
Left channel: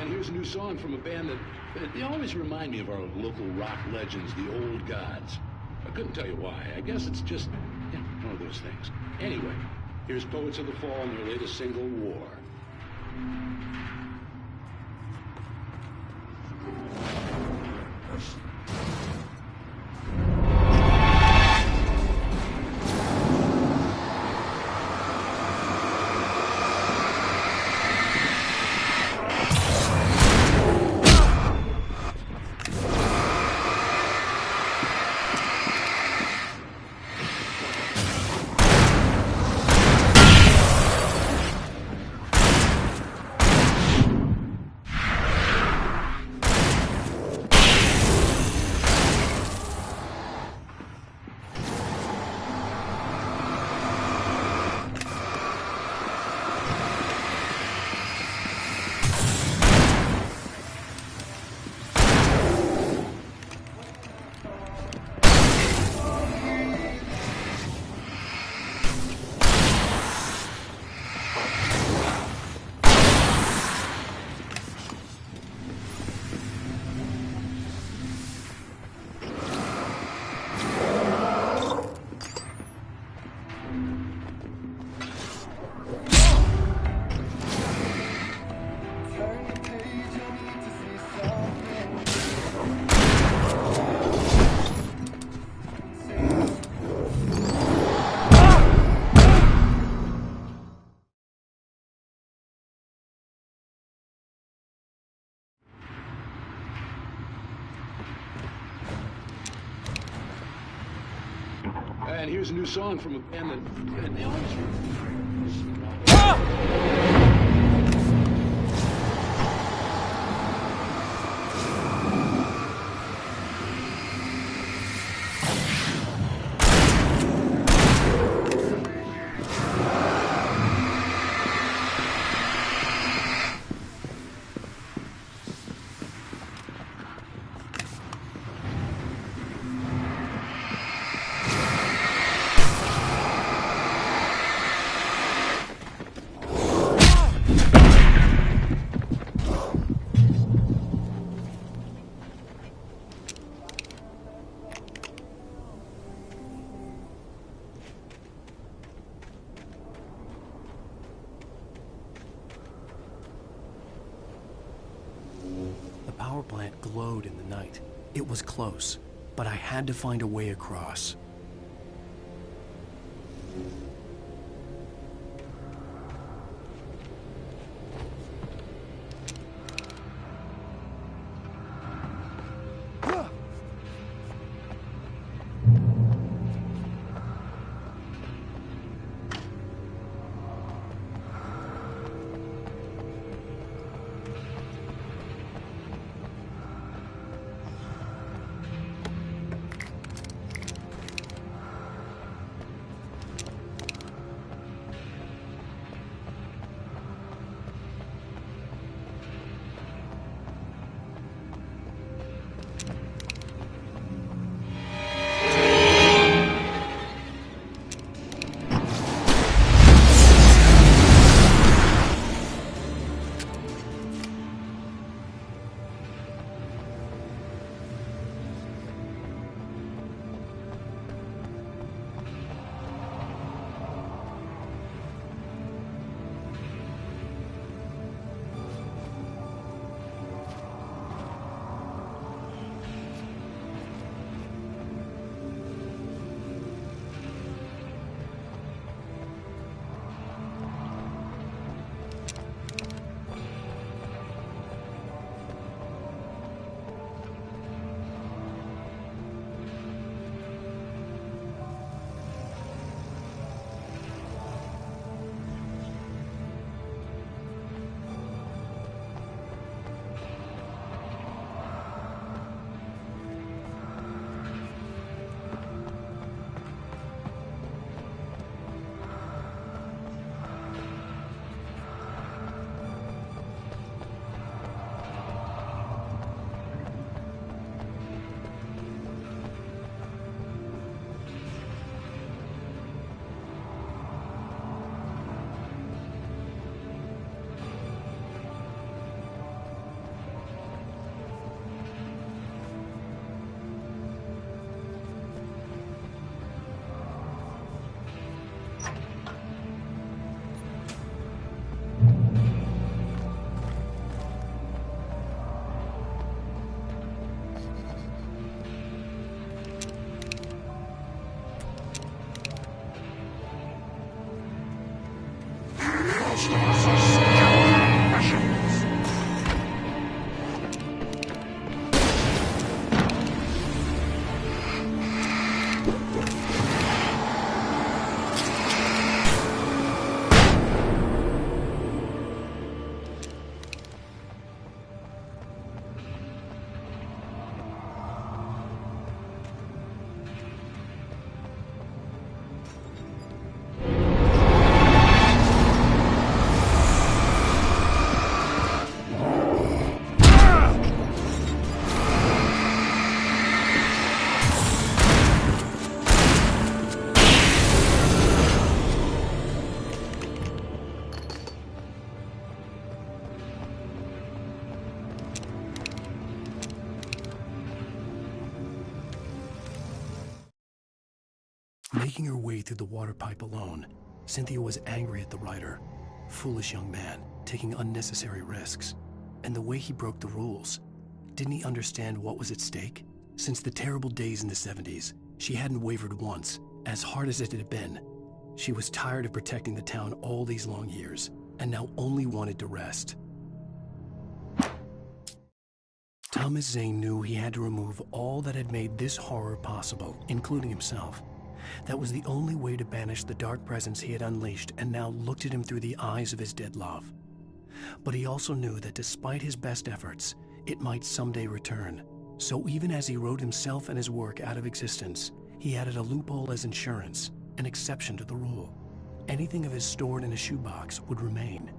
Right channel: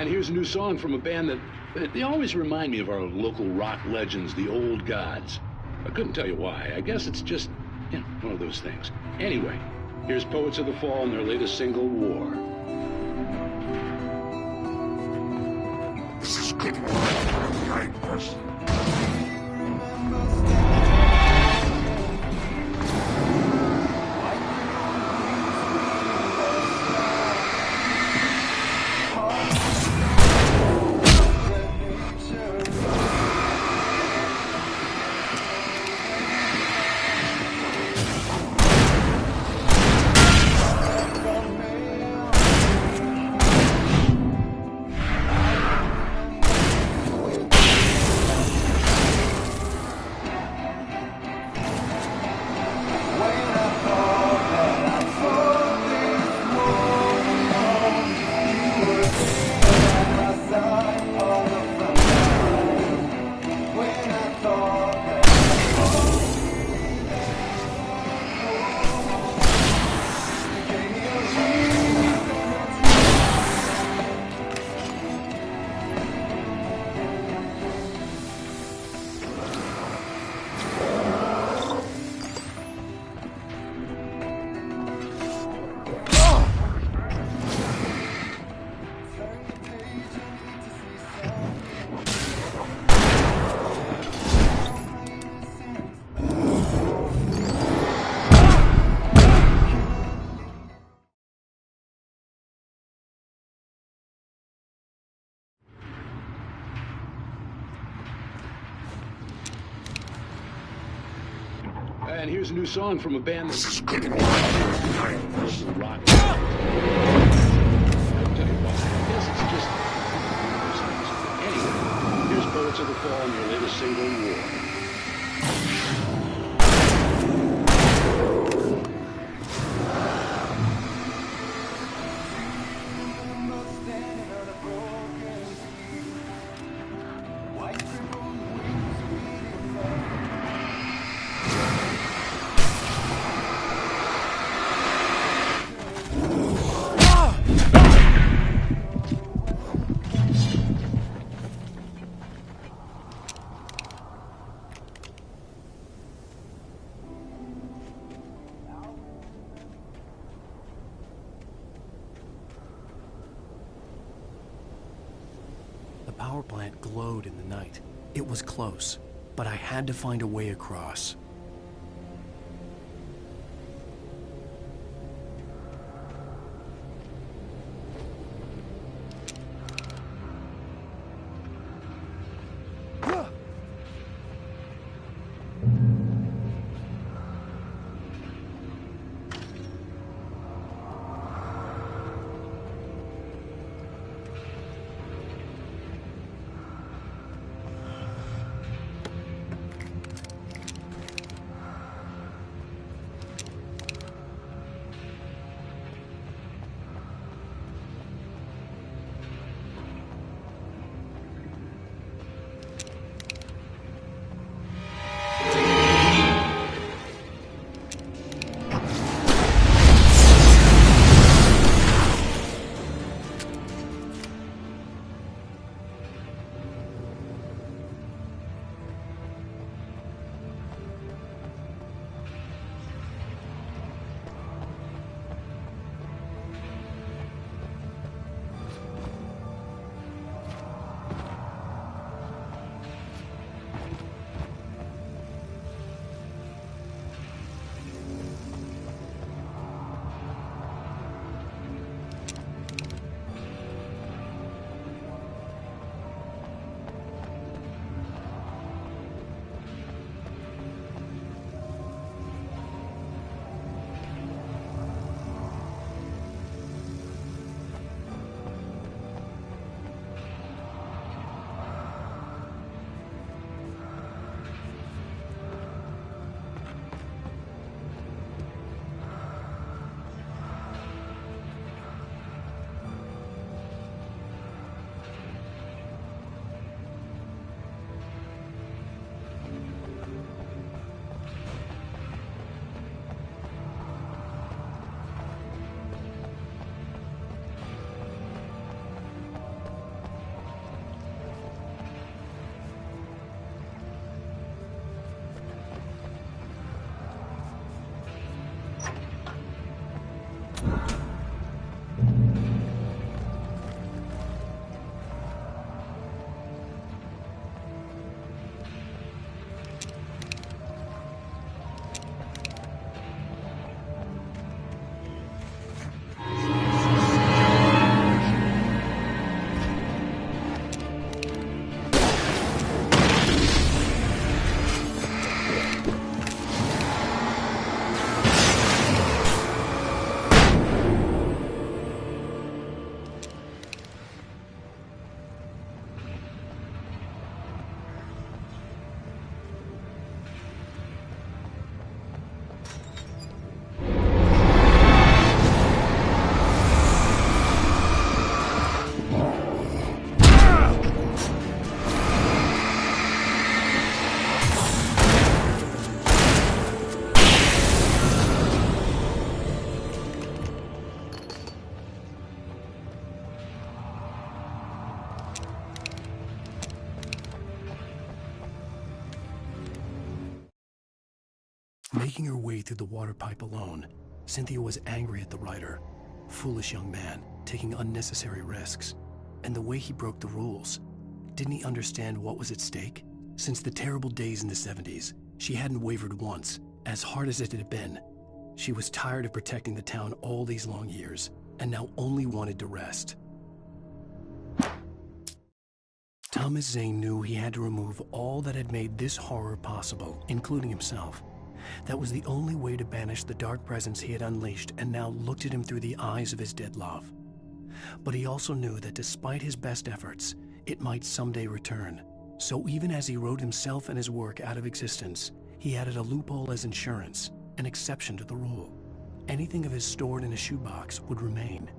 And here's a new song from a band that they always remind me of our local rock legends, the Old Gods. I couldn't tell you why. I guess it's just, one of those things. Anyway, here's Poets of the Fall and their latest single, War. This is good work for the right person. And here's a new song from a band that's... This is good work for the right person. Rock. Here's Poets of the Fall and their latest single, War. The power plant glowed in the night. It was close, but I had to find a way across. monsters, skeletal machines. Making her way through the water pipe alone, Cynthia was angry at the writer. Foolish young man, taking unnecessary risks. And the way he broke the rules. Didn't he understand what was at stake? Since the terrible days in the 70s, she hadn't wavered once, as hard as it had been. She was tired of protecting the town all these long years, and now only wanted to rest. Thomas Zane knew he had to remove all that had made this horror possible, including himself. That was the only way to banish the dark presence he had unleashed and now looked at him through the eyes of his dead love. But he also knew that despite his best efforts, it might someday return. So even as he wrote himself and his work out of existence, he added a loophole as insurance, an exception to the rule. Anything of his stored in a shoebox would remain.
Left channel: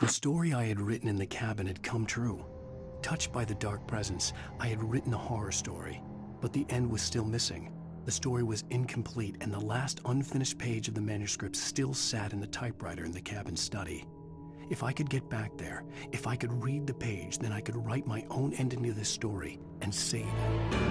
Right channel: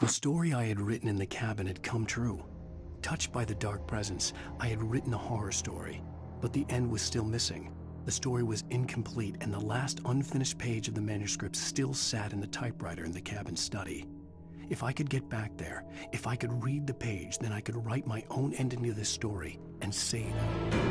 The story I had written in the cabin had come true. Touched by the dark presence, I had written a horror story, but the end was still missing. The story was incomplete, and the last unfinished page of the manuscript still sat in the typewriter in the cabin study. If I could get back there, if I could read the page, then I could write my own ending to this story and say it out.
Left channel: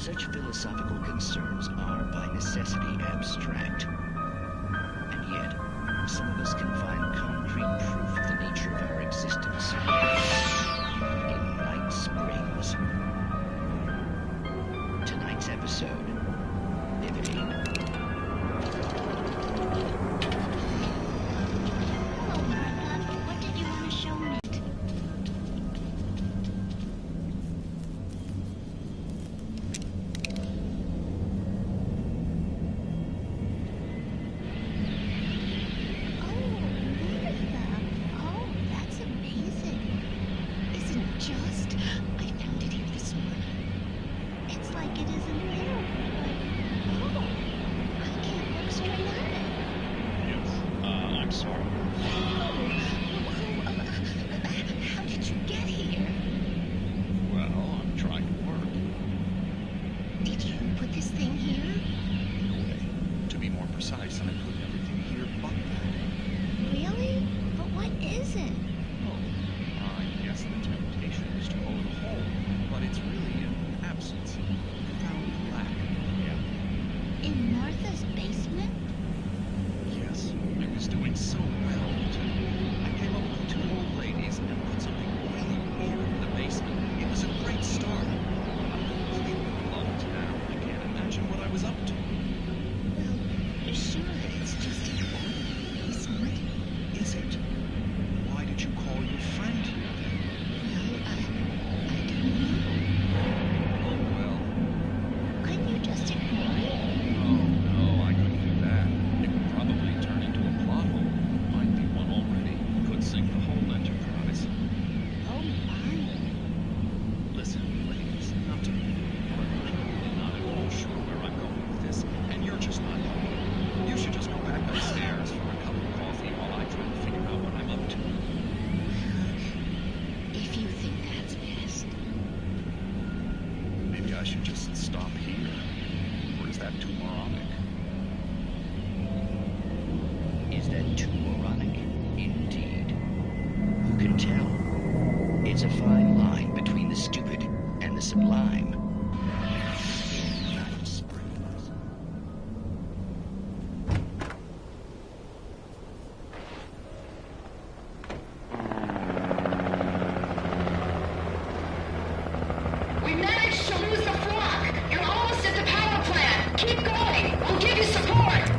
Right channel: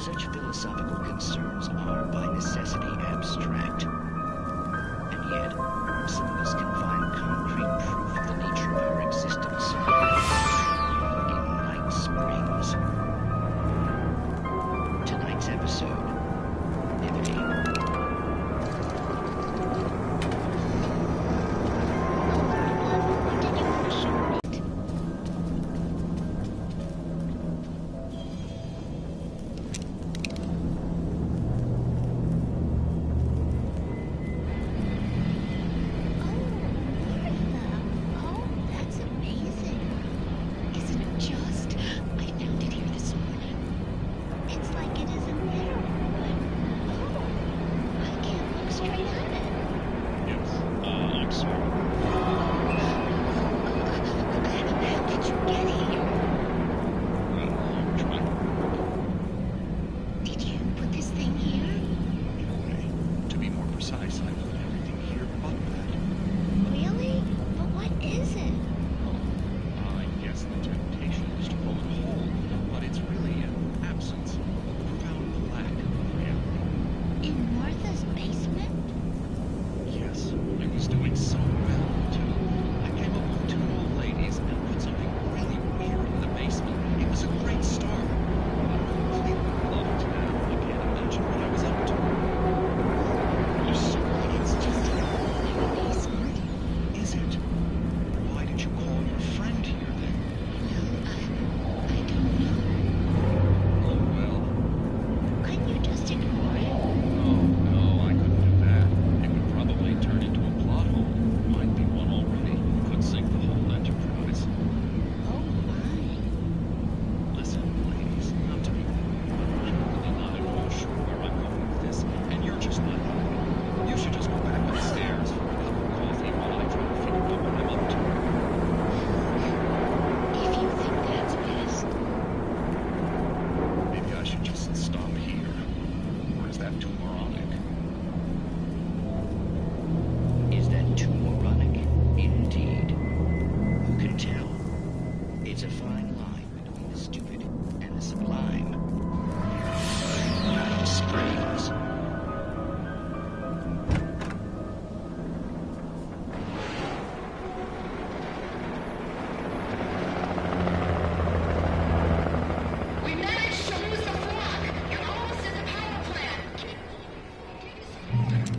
Such philosophical concerns are by necessity abstract. And yet, some of us can find concrete proof of the nature of our existence in Night Springs. Tonight's episode, Liberty. What did you want to show me? It's a fine line between the stupid and the sublime. Night Springs. We managed to lose the flock. You're almost at the power plant. Keep going. We'll give you support.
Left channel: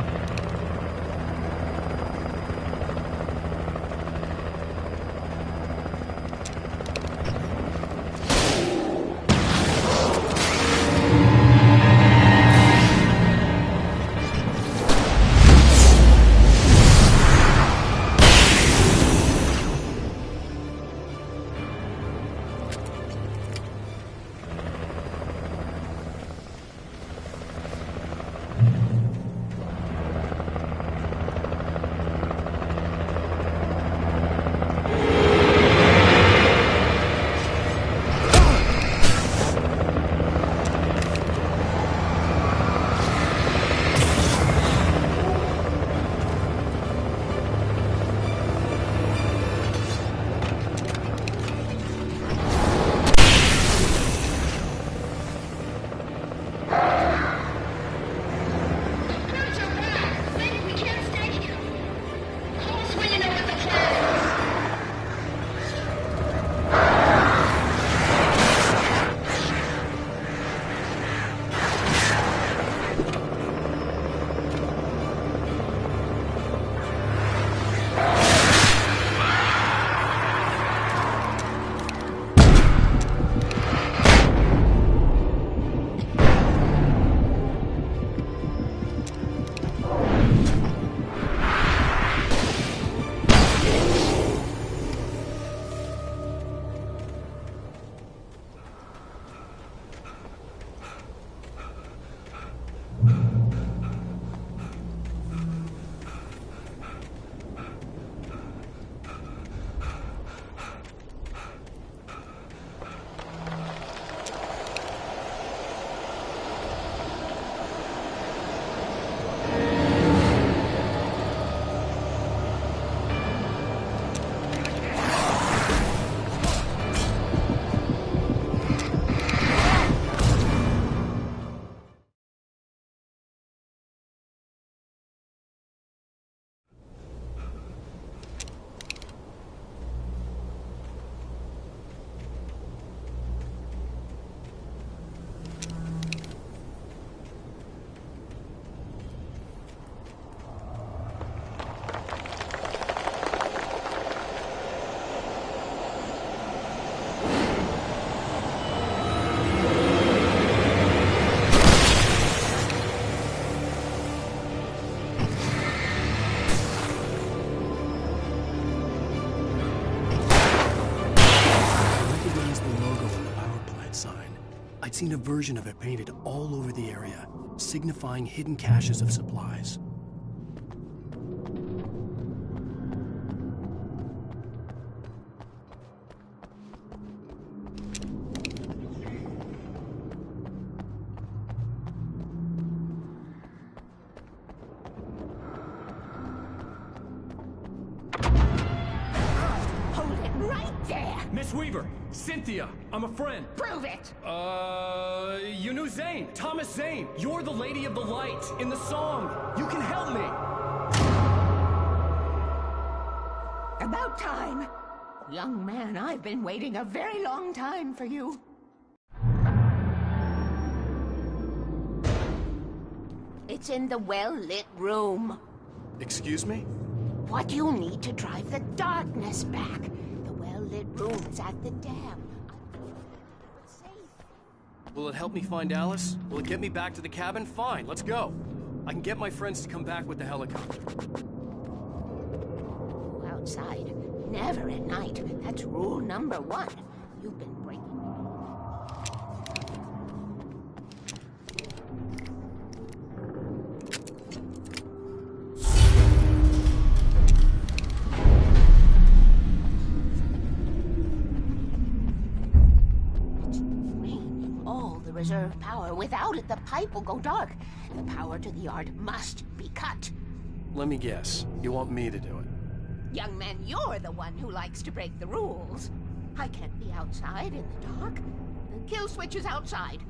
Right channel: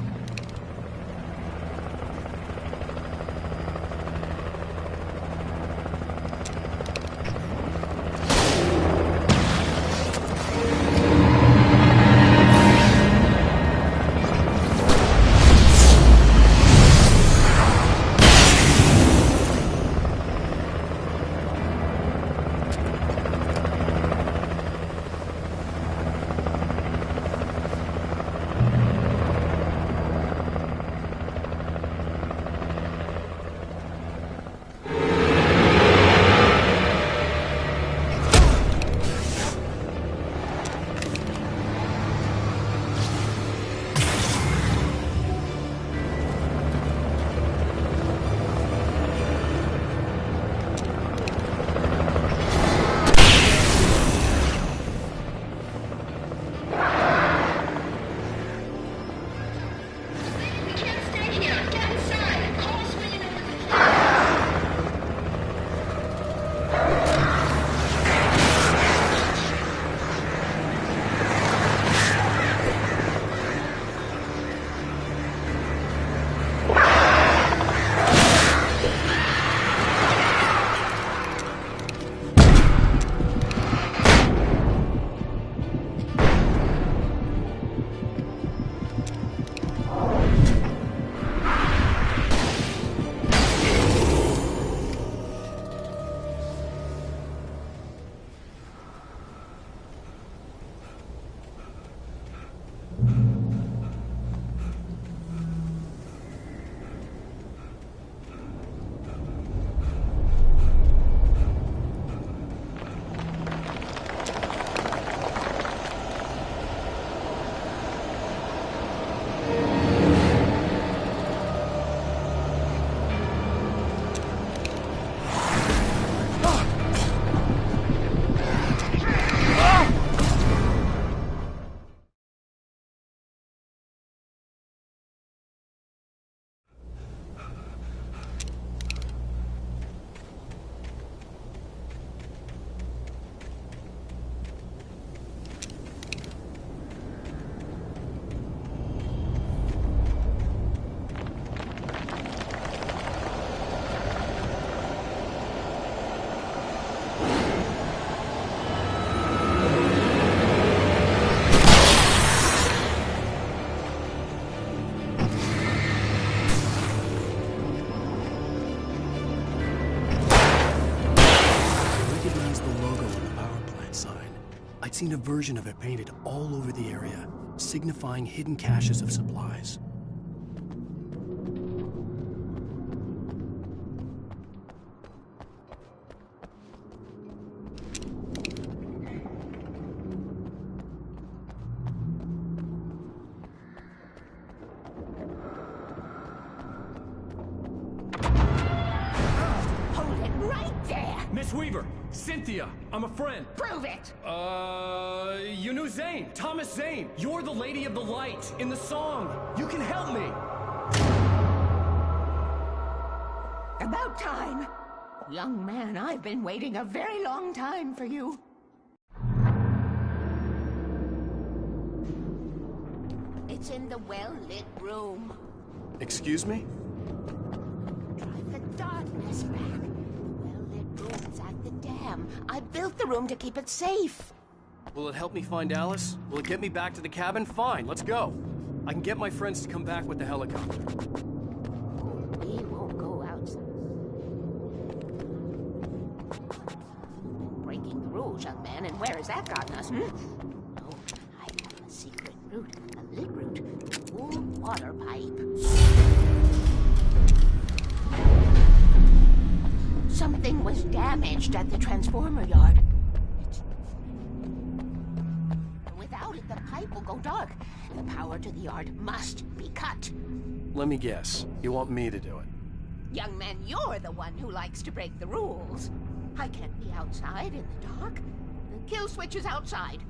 recognize the logo on the power plant sign. I'd seen a version of it painted all over the area, signifying hidden caches of supplies. Hold it right there! Miss Weaver, Cynthia, I'm a friend. Prove it! You knew Zane, Thomas Zane. You're the Lady of the Light in the song. You can help me. About time. Young man, I've been waiting a very long time for you. It's in the well-lit room. Excuse me? What you need to drive the darkness back. The well-lit room is at the dam. I built the room to keep it safe. Will it help me find Alice? Will it get me back to the cabin? Fine, let's go. I can get my friends to come back with the helicopter. We won't go outside. Never at night. That's rule number 1. You've been breaking the rules, young man, and where has that gotten us, Oh, I have a secret route. A lit route. Old water pipe. Something was damaged at the transformer yard. It's drained all the reserve power. Without it, the pipe will go dark. The power to the yard must be cut. Let me guess. You want me to do it? Young man, you're the one who likes to break the rules. I can't be outside in the dark. The kill switch is outside.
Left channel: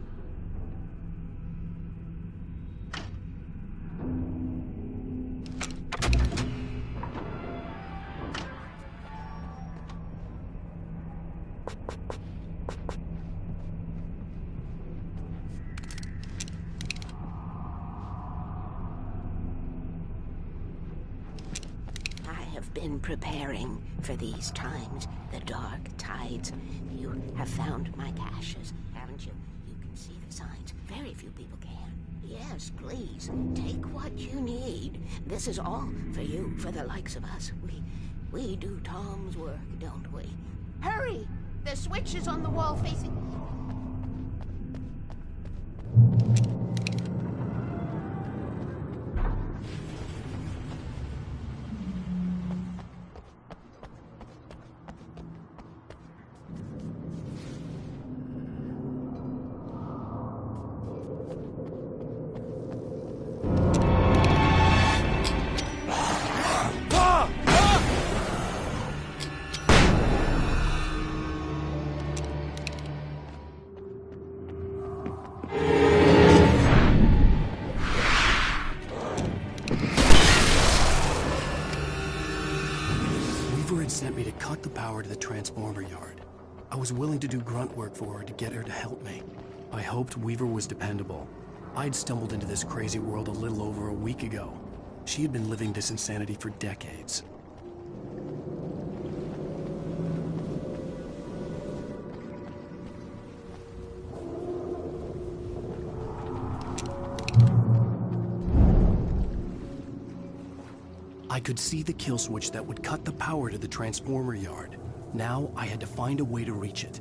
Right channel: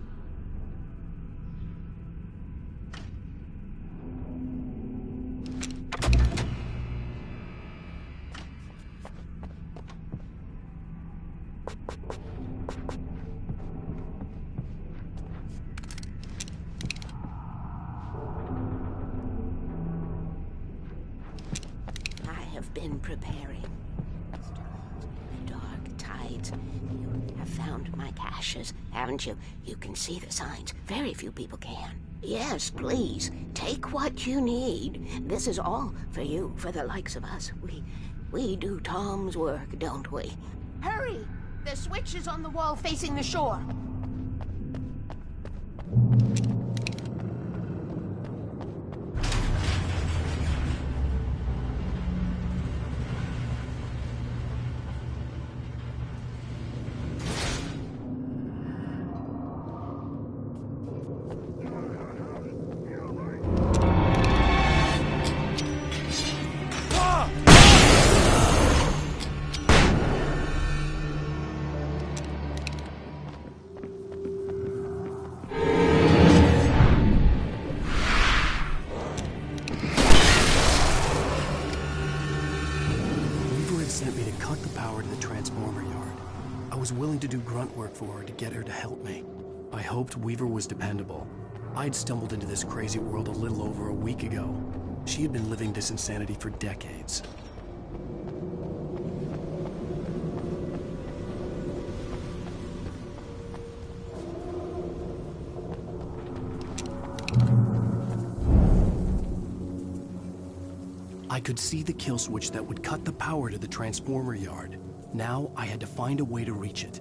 Been preparing for these times, the dark tides. You have found my caches, haven't you? You can see the signs. Very few people can. Yes, please, take what you need. This is all for you, for the likes of us. We do Tom's work, don't we? Hurry! The switch is on the wall facing the shore. Sent me to cut the power to the transformer yard. I was willing to do grunt work for her to get her to help me. I hoped Weaver was dependable. I'd stumbled into this crazy world a little over a week ago. She had been living this insanity for decades. I could see the kill switch that would cut the power to the transformer yard. Now I had to find a way to reach it.